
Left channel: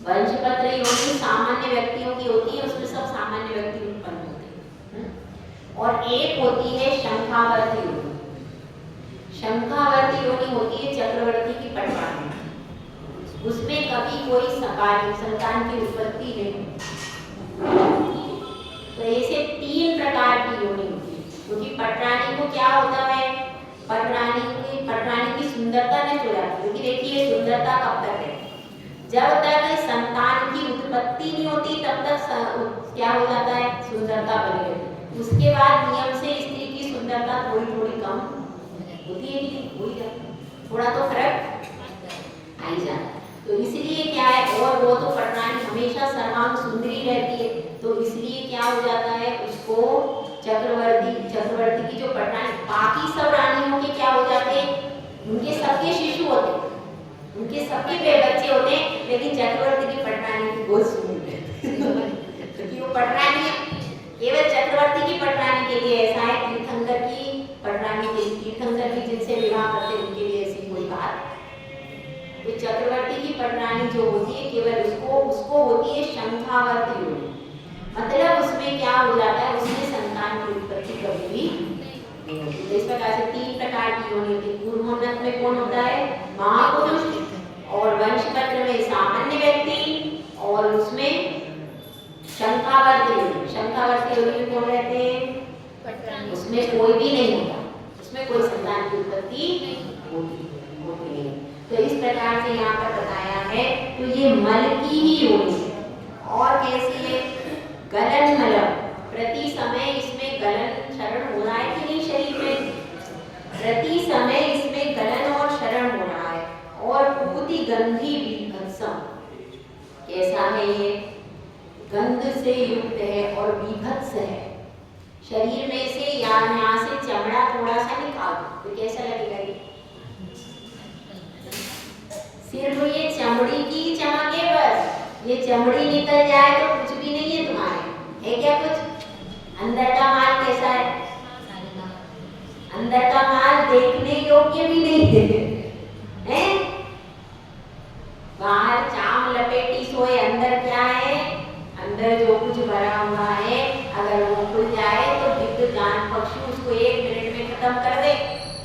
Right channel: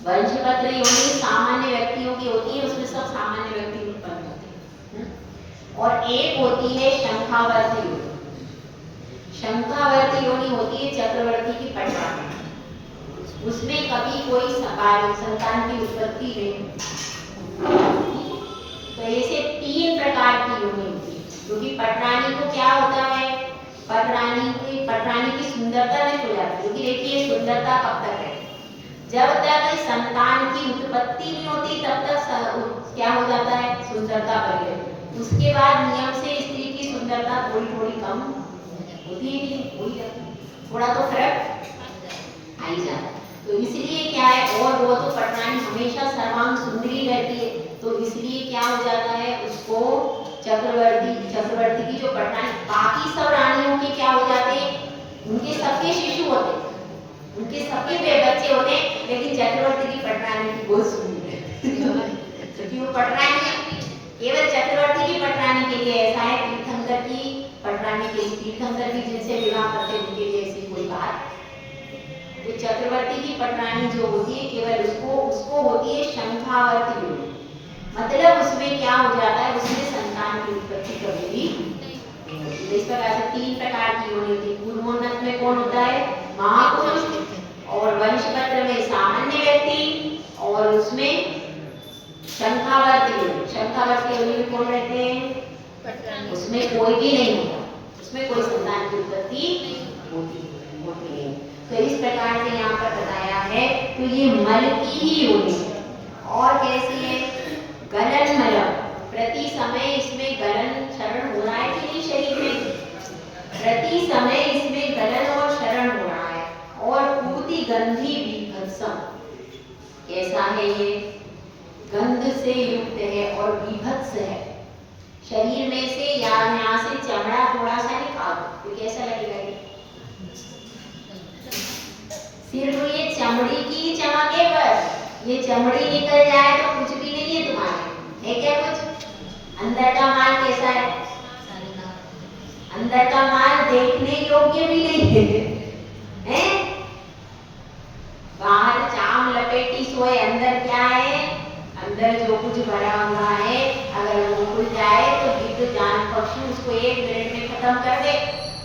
वंशपत्र योनि सामान्य व्यक्तियों की होती है, उसमें सब सामान्य व्यक्ति उत्पन्न होते हैं। और एक होती है शंखावर्ती योनि। शंखावर्ती योनि होती है चक्रवर्ती की पटना में, उसमें कभी कोई संतान की उत्पत्ति नहीं। तो ऐसे 3 प्रकार की योनि होती है। क्योंकि पटरानी को क्या होता है? पटरानी की सुंदरता नष्ट हो जाती है। क्योंकि देखिए सुंदरता कब तक है? जब तक संतान की उत्पत्ति नहीं होती तब तक क्या हो जाता है? सुंदरता बनी रहती। उसके बाद नियम से स्त्री की सुंदरता थोड़ी थोड़ी कम होती है, हो ही जाती है, थोड़ा तो फर्क आ ही जाता है। तो इसलिए क्या है, और वो तो पटरानी हमेशा सर्वांग सुंदरी रहती है, तो इसलिए क्या हो जाता है उसको चक्रवर्ती की जो पटरानी, बाकी सब रानियों के क्या हो जाते हैं? उनके सबके शिशु होते, उनके सबके बच्चे होते, लेकिन चक्रवर्ती की पटरानी की बहुत सुंदर है क्योंकि वो पटरानी है। केवल चक्रवर्ती की पटरानी के लिए ऐसा है, तीर्थंकर की पटरानी के लिए, तीर्थंकर भी जिनसे विवाह करते उनके लिए ऐसी कोई बात। तो चक्रवर्ती की पटरानी जो होती है केवल उसको होती है शंखावर्ती योनि। मतलब उसमें क्या हो जाता है? उसमें संतान की उत्पत्ति कभी भी नहीं होती। तो इस प्रकार से 3 प्रकार की योनि होती है। पूर्वोन्नत में कौन होता है? महापुरुष। और वंशपत्र में सामान्य व्यक्ति, और उसमें शंखावर्ती योनि। शंखावर्ती योनि में कौन रहते हैं? उसमें कोई भी नहीं होता, उसमें कोई संतान की उत्पत्ति होती नहीं। तो इस प्रकार से यहाँ पर बताया है। तो ये मल की ही योनि है। और कैसी है? गलन मलम, प्रति समय इसमें गलन क्षरण हो रहा है कि नहीं शरीर में? प्रति समय इसमें गलन और क्षरण हो रहा है। और पूति गंधी बीभत्सम, कैसा है ये? गंध से युक्त है और बीभत्स है। शरीर में से यहाँ से चमड़ा थोड़ा सा निकाल तो कैसा लगेगा? सिर्फ ये चमड़ी की चमक है, बस ये चमड़ी निकल जाए तो कुछ भी नहीं है तुम्हारे, है क्या कुछ? अंदर का माल कैसा है? अंदर का माल देखने योग्य भी नहीं है, बाहर चाम लपेटी सोए, अंदर क्या है? अंदर जो कुछ भरा हुआ है अगर वो खुल जाए तो विद्युत जान पक्षी उसको 1 मिनट में खत्म कर दे,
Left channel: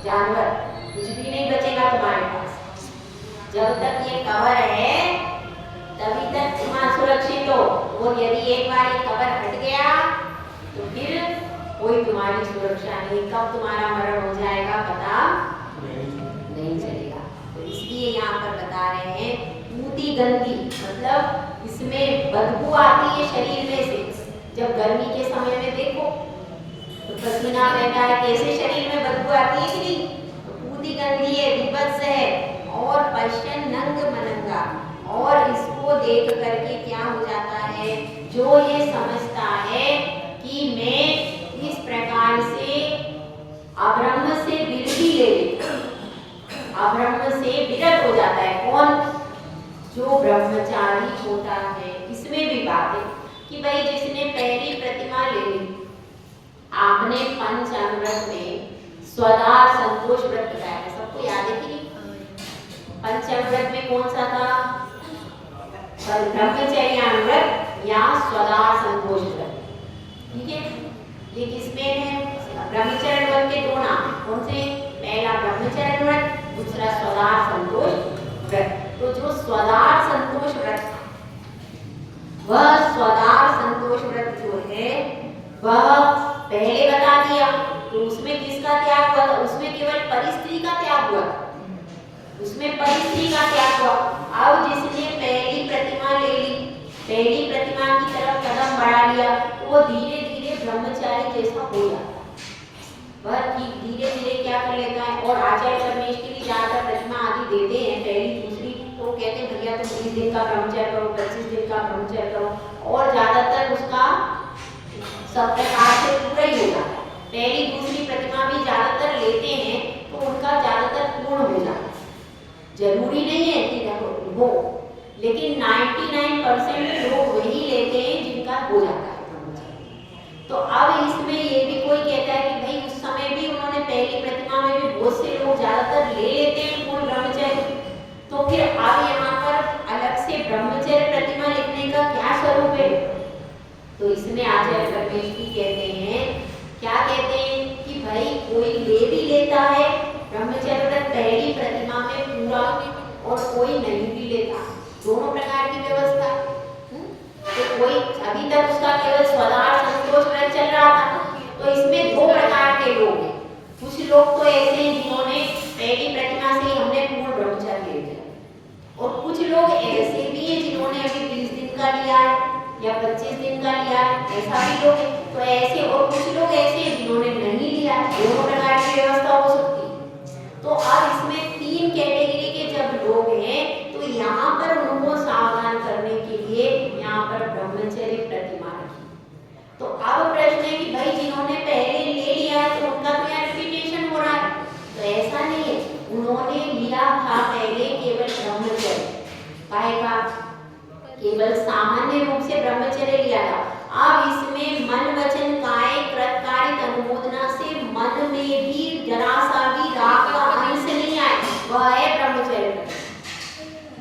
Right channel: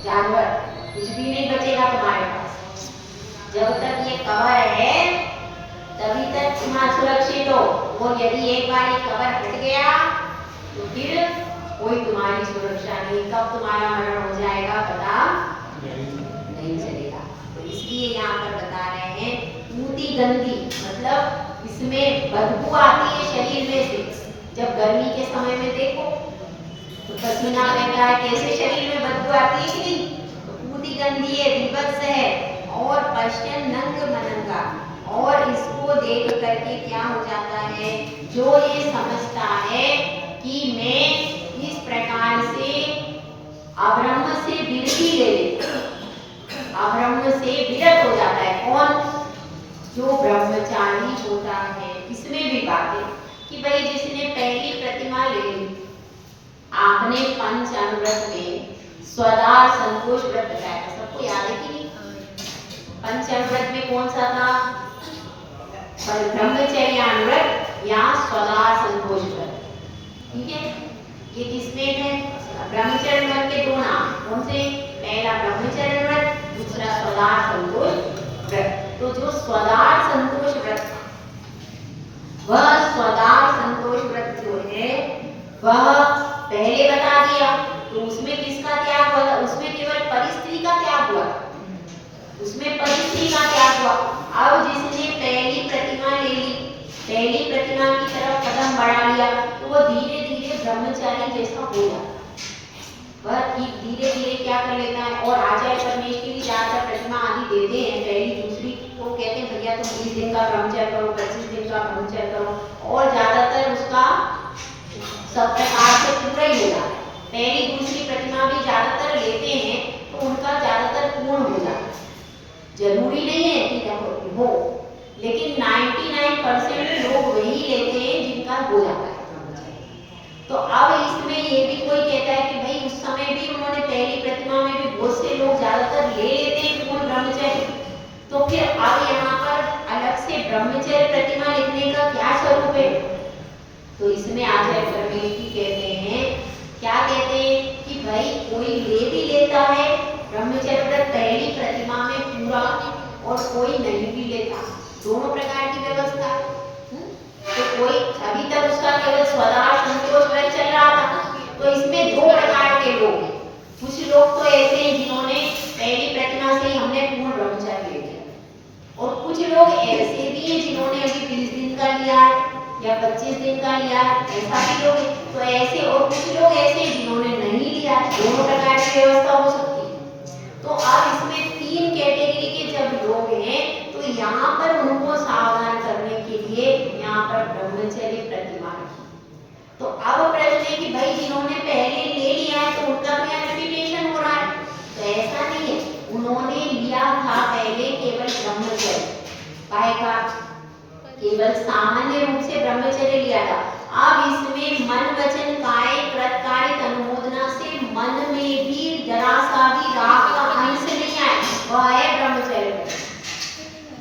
जानवर कुछ भी नहीं बचेगा तुम्हारे पास। जब तक ये कवर है तभी तक तुम सुरक्षित हो, और यदि एक बार ये कवर हट गया तो फिर कोई तुम्हारी सुरक्षा नहीं, कब तुम्हारा मरण हो जाएगा पता नहीं चलेगा। तो इसलिए यहाँ पर बता रहे हैं पूति गंधी, मतलब इसमें बदबू आती है शरीर में से। जब गर्मी के समय में देखो तो पसीना बहता है, कैसे शरीर में बदबू आती है कि नहीं? तो पूति गंधी है, विभत्स है, और पश्चिम नंग मनंगा, और इसको देख करके क्या हो जाता है? जो ये समझता है कि मैं इस प्रकार से अब्रह्म से विरति ले लेता, अब्रह्म से विरत हो जाता है। कौन? जो ब्रह्मचारी होता है। इसमें भी बात है कि भाई जिसने पहली प्रतिमा ले ली, आपने पंचामृत में स्वदार संतोष व्रत बताया था, सबको याद है कि नहीं? पंचामृत में कौन सा था? ब्रह्मचर्यामृत या स्वदार संतोष व्रत, ठीक है? ये किसमें है? ब्रह्मचर्य व्रत के 2 नाम, कौन से? पहला ब्रह्मचर्य व्रत, दूसरा स्वदार संतोष व्रत। तो जो स्वदार संतोष व्रत, वह स्वदार संतोष व्रत जो है वह पहले बता दिया। तो उसमें किसका त्याग हुआ था? उसमें केवल परिस्त्री का त्याग हुआ, उसमें परिस्त्री का त्याग हुआ। अब वो धीरे धीरे ब्रह्मचारी जैसा हो जाता है। वह धीरे धीरे क्या कर लेता है। और आचार्य परमेश के लिए ज्यादा प्रतिमा आदि देते हैं, पहली दूसरी, तो कहते हैं भैया तुम 20 दिन का ब्रह्मचर्य करो, 25 दिन का ब्रह्मचर्य करो, और ज्यादातर उसका सब प्रकार से पूरा ही हो जाता है। पहली दूसरी प्रतिमा भी ज्यादातर लेते हैं तो उनका ज्यादातर पूर्ण हो जाता है। जरूरी नहीं है कि देखो वो, लेकिन 99% लोग वही लेते हैं जिनका हो जाता है। तो अब इसमें ये भी कोई कहता है कि भाई उस समय भी उन्होंने पहली प्रतिमा में भी बहुत से लोग ज्यादातर ले लेते हैं पूर्ण ब्रह्मचर्य, तो फिर अब यहाँ पर अलग से ब्रह्मचर्य प्रतिमा लिखने का क्या स्वरूप है। तो इसमें आचार्य परमेश जी कहते हैं, क्या कहते हैं कि भाई कोई ले भी लेता है ब्रह्मचर्य व्रत पहली प्रतिमा में पूरा, और कोई नहीं भी लेता, दोनों प्रकार की व्यवस्था है। तो कोई अभी तक उसका केवल स्वदाह संतोष व्रत चल रहा था, तो इसमें दो प्रकार के लोग हैं। कुछ लोग तो ऐसे हैं जिन्होंने पहली प्रतिमा से ही हमने पूर्ण ब्रह्मचर्य ले लिया, और कुछ लोग ऐसे भी हैं जिन्होंने अभी 20 दिन का लिया है या 25 दिन का लिया है, ऐसा भी लोग हैं। तो ऐसे, और कुछ लोग ऐसे हैं जिन्होंने नहीं लिया, दोनों प्रकार की व्यवस्था हो सकती है। तो अब इसमें 3 कैटेगरी के जब लोग हैं, तो यहाँ पर उनको सावधान करने के लिए यहाँ पर ब्रह्मचर्य प्रतिमा रखी। तो अब प्रश्न है कि भाई जिन्होंने पहले ले लिया है तो उनका क्या रिपीटेशन हो रहा है। तो ऐसा नहीं है, उन्होंने लिया था पहले केवल ब्रह्मचर्य, पाएगा केवल सामान्य रूप से ब्रह्मचर्य लिया था। अब इसमें मन वचन काय कृत कार्य अनुमोदना से मन में भी जरा सा भी राग का अंश नहीं आए, वह है ब्रह्मचर्य।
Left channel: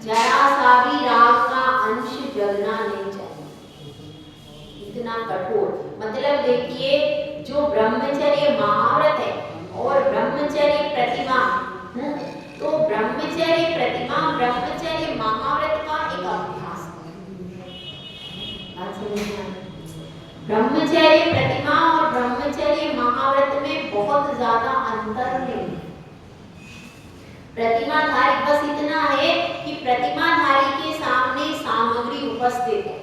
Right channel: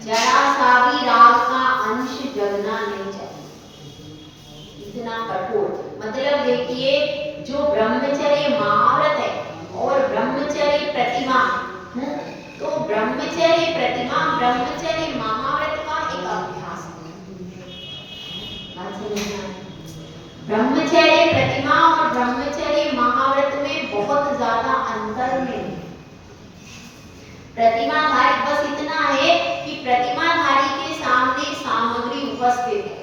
जरा सा भी राग का अंश जगना नहीं चाहिए, इतना कठोर। मतलब देखिए, जो ब्रह्मचर्य महाव्रत है और ब्रह्मचर्य प्रतिमा, तो ब्रह्मचर्य प्रतिमा ब्रह्मचर्य महाव्रत का एक अभ्यास है। ब्रह्मचर्य प्रतिमा और ब्रह्मचर्य महाव्रत में बहुत ज्यादा अंतर नहीं। प्रतिमाधारी बस इतना है कि प्रतिमाधारी के सामने सामग्री उपस्थित है,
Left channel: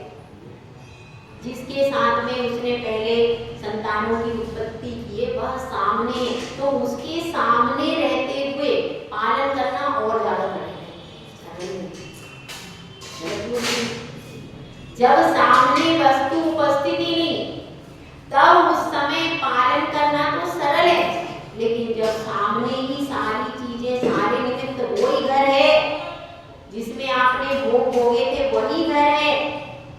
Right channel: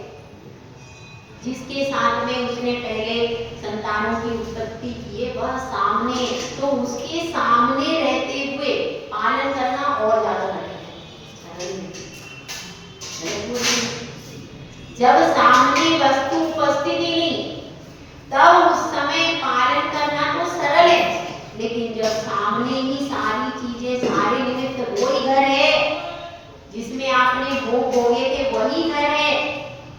जिसके साथ में उसने पहले संतानों की उत्पत्ति की है, वह सामने, तो उसके सामने रहते हुए पालन करना और ज्यादा कठिन है। जब सामने वस्तु उपस्थित ही नहीं, तब उस समय पालन करना तो सरल है, लेकिन जब सामने ही सारी चीजें, सारे निमित्त, वही घर है जिसमें आपने भोग भोगे थे, वही घर है,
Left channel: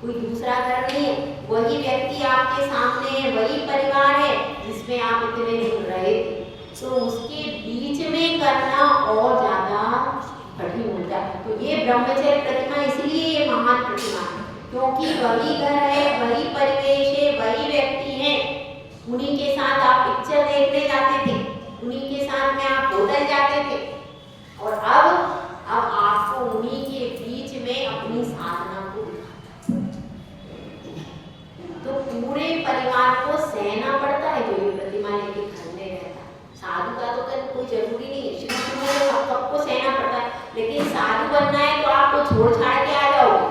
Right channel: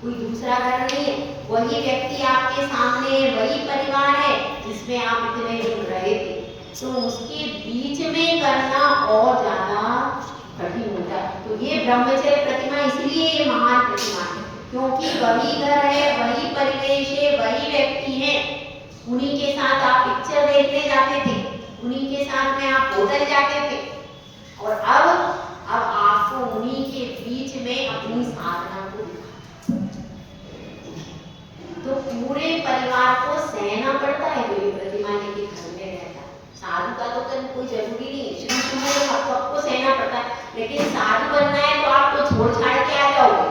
कोई दूसरा घर नहीं है, वही व्यक्ति आपके सामने है, वही परिवार है जिसमें आप इतने दिन रहे थे, तो उसके बीच में करना और ज्यादा कठिन होता है। तो ये ब्रह्मचर्य प्रतिमा इसलिए ये महान प्रतिमा है, क्योंकि वही घर है, वही परिवेश है, वही व्यक्ति है, उन्हीं के साथ आप पिक्चर देखने जाते थे, उन्हीं के साथ में आप होटल जाते थे, और अब आपको उन्हीं के बीच में अपनी साधना को दिखाना, तो पूरे परिवार को सहना पड़ता है। जो ये प्रतिमा लेके घर में रहता है, साधु का तो कोई जरूरी नहीं है, शुरू में सबको सहना पड़ता है, लेकिन साधु बनना है तो आप तो छोड़ छाड़ के आ जाओगे,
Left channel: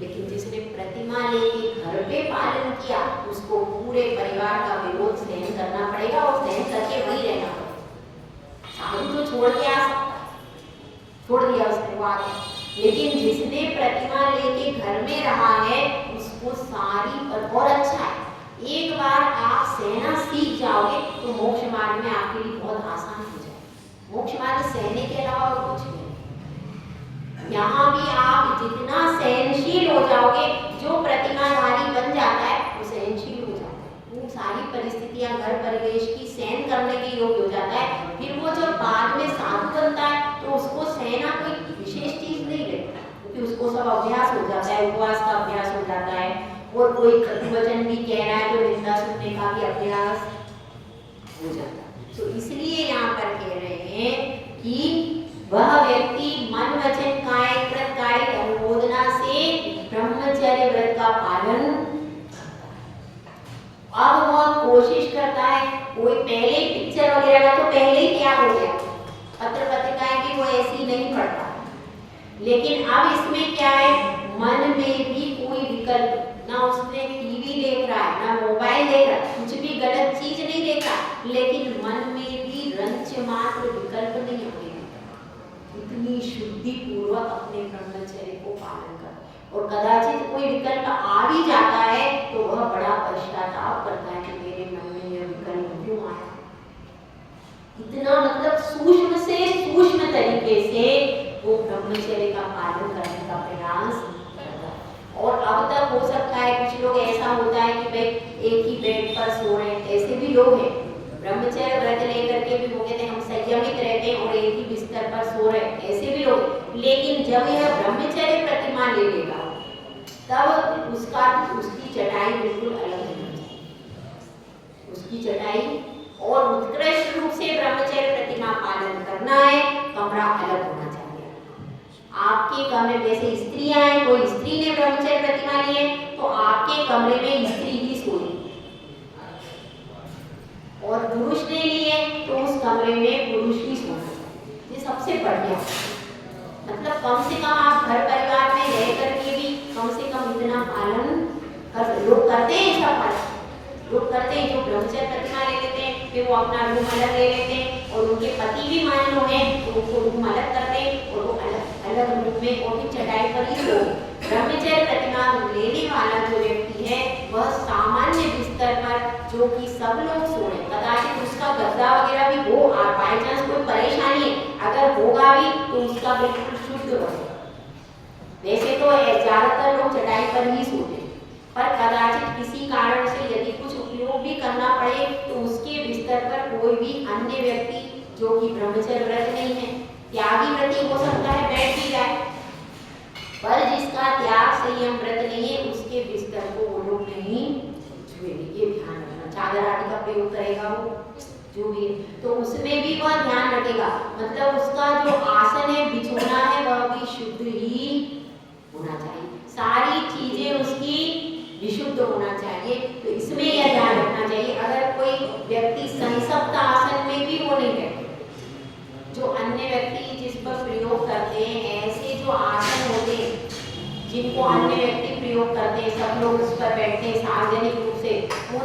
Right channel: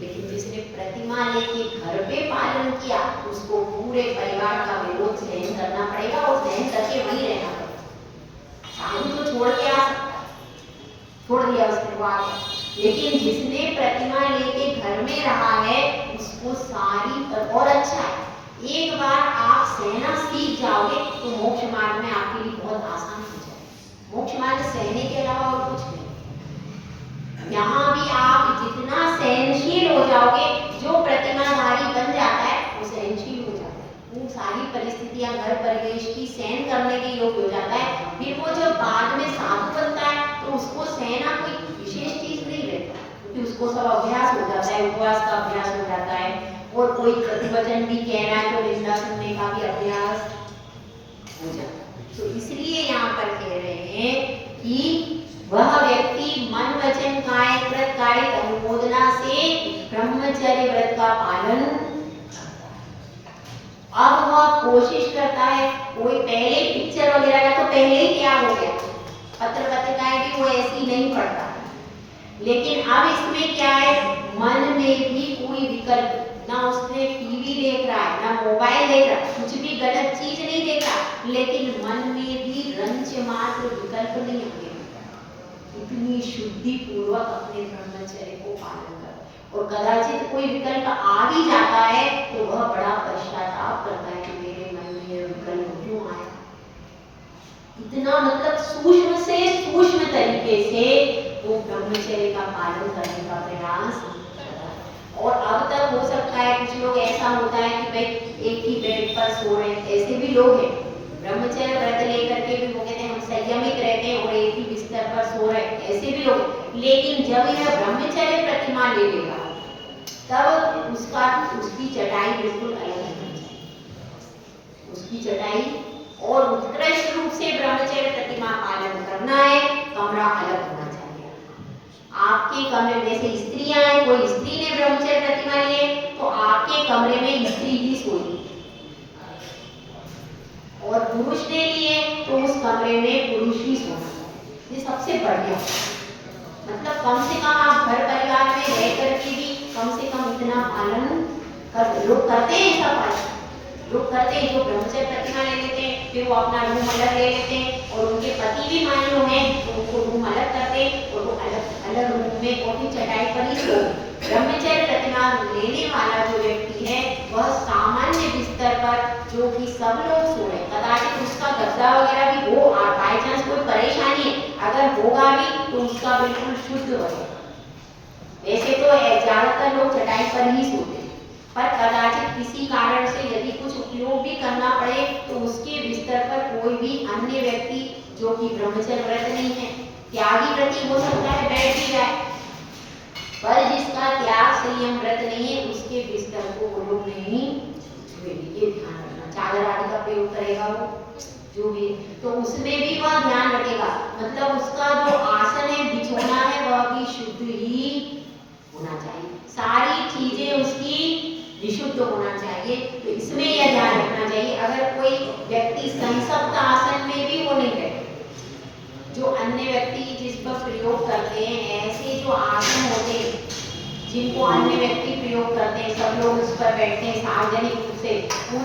लेकिन जिसने प्रतिमा लेके घर पे पालन किया, उसको पूरे परिवार का विरोध सहन करना पड़ेगा, और सहन करके वही रहना पड़ेगा। साधु तो छोड़ के आ सकता है, छोड़ दिया उसने बात, लेकिन जिसने प्रतिमा लेके घर में रहा है उसको सारी, और अच्छा है, एक बार आप सहना सीख जाओगे तो मोक्ष मार्ग में आपके लिए बहुत आसान हो जाए। मोक्ष मार्ग सहने के अलावा और कुछ नहीं। यहाँ भी आप जितना सहनशील हो जाओगे, जो प्रतिमाधारी बन जाता है वो सहनशील हो जाता है, वो सारी परिस्थितियां घर परिवेश की सहन करने के योग्य हो जाता है। फिर वो जब बाद में साधु बनता है तो उसको सहना कोई विशेष चीज नहीं रहता, क्योंकि उसको सब अभ्यास हो जाता है, उपवास का अभ्यास हो जाता है, और कोई वचन भी कह रहा है तो निंदा सुनने का भी अभ्यास हो जाता है। तो इसलिए यहाँ पर कह रहे हैं कि वह व्यक्ति मन वचन काय कृत कार्य अनुमोदना से ब्रह्मचर्य व्रत का पालन, अब वह कोशिश करता है, कोई पहले पिक्चर वगैरह का तो पहले ही त्याग हो गया, पत्र पत्रिकाएं भी वो ऐसी नहीं पढ़ता, लेकिन अब इसमें क्या है, मन में भी कोई विकल्प, ना उसने टीवी देख रहा है, ना मोबाइल देख रहा है, कुछ भी गलत चीज नहीं देख रहा, लेकिन मन में भी रंच मात्र विकल्प नहीं आने देता। इतनी शुद्धि पूर्वक अपने ब्रह्मचर्य को पालन कर, और कदाचित कोई विकल्प आ भी जाता है तो वह बड़ा पश्चाताप करता है कि मेरे मन में यह विकल्प क्यों आया। इतना मतलब सूक्ष्म से सूक्ष्म तरीके से वो ब्रह्मचर्य का पालन करने का प्रयास करता है। और अब तक हो सकता है कुछ लोग ऐसा होता है कि भाई एक ही बेड पर सो रहे हैं, ऐसे भी लोग हैं, ब्रह्मचर्य व्रत लेकर के भी वो कहते हैं हम संयमित रहते हैं और एक ही बिस्तर पर सो रहे हैं, ऐसे भी लोग हैं। लेकिन जब यह ब्रह्मचर्य प्रतिमा ले लेगा तब उसकी चटाई बिल्कुल अलग होगी, उसकी चटाई, और उत्कृष्ट रूप से ब्रह्मचर्य प्रतिमा पालन करना है, कमरा अलग होना चाहिए। आपके कमरे में से स्त्रियां हैं, कोई स्त्री ने ब्रह्मचर्य प्रतिमा ली है तो आपके कमरे में स्त्री ही सोई, और पुरुष ने लिए तो उस कमरे में पुरुष ही सोना चाहिए। ये सबसे बढ़िया, मतलब कम से कम आप घर परिवार में रह करके भी कम से कम इतना पालन कर, लोग करते हैं ऐसा पालन, लोग करते हैं जो ब्रह्मचर्य प्रतिमा ले लेते हैं, फिर वो अपना रूम अलग ले लेते हैं, और उनके पति भी मान लो हैं तो उनको रूम अलग करते हैं और वो अलग अलग रूम में और भी चटाई पर ही सो। ब्रह्मचर्य प्रतिमा लेने वाला जो व्यक्ति है वह सामान्य बिस्तर पर, जो कि सब लोग सो रहे, कदाचित उसका गद्दा वगैरह भी हो, बाई चांस कोई परेशानी है, अगर होगा भी तो उसका बिल्कुल शुद्ध बने। वैसे तो ज्यादातर लोग चटाई पर ही सोते हैं, पर कदाचित किसी कारण से यदि कुछ उपयोग भी करना पड़े तो उसके बिस्तर पर कोई भी अन्य व्यक्ति जो कि ब्रह्मचर्य व्रत नहीं है, त्यागी व्रती हो सकता है, बैठ भी जाए, पर जिसका त्याग संयम व्रत नहीं है उसके बिस्तर को वो लोग नहीं छुएंगे। ये ध्यान रखना, चादर आदि का प्रयोग करेगा वो जो भी, तो उसमें भी वह ध्यान रखेगा, मतलब उसका जो आसन है, बिछोना है, वह भी शुद्ध ही होना चाहिए, सारी चीजें उसकी विशुद्ध होना चाहिए। तो इसमें यह ध्यान रखना चाहिए, अगर कोई व्यक्ति संसप्त आसन में भी वो नहीं बैठे, जो अन्य व्यक्ति जिस पर प्रयोग करते हैं, ऐसे जो आसन होते हैं जिनको अन्य व्यक्ति प्रयोग करते हैं, सब लोग उस पर बैठते हैं सार्वजनिक रूप से, उन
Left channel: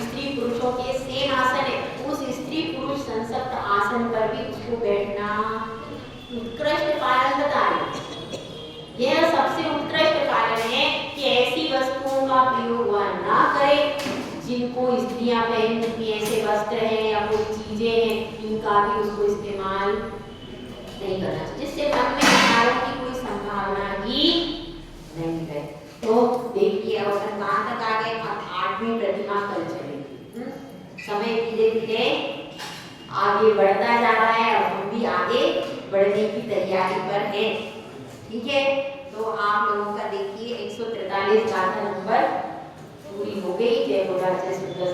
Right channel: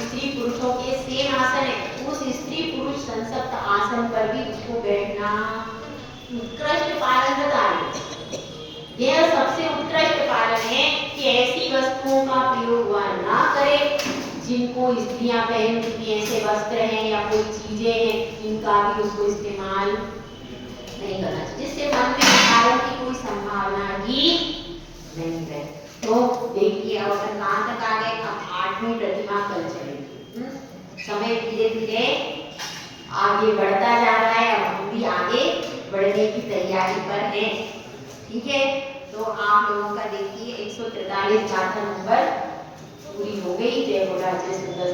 स्त्री पुरुषों के सेम आसन है, उस स्त्री पुरुष संसप्त आसन पर भी उसको बैठना उत्कृष्ट पालन बता रहे। यह सबसे उत्कृष्ट पालन है कि ऐसी वस्तुओं का प्रयोग वह ना करे जिनको स्त्रियां पहनती, ऐसे वस्त्र हैं या कोई चीजें हैं, इनका भी उसको इस्तेमाल नहीं करना चाहिए, जिससे मन में विकारों की कोई संभावना ही नहीं है। तो देखिए अवसर कहाँ तक आ गए, अब 8वीं प्रतिमा कल चलेगी। समय धीरे धीरे आगे बढ़ता जा रहा है और हम भी आगे बढ़ने की तैयारी पर हैं, ठीक है। तो आप लोगों का देखिए 143 गाथा नंबर पूरी हो गई। जय बोला जय सुंदर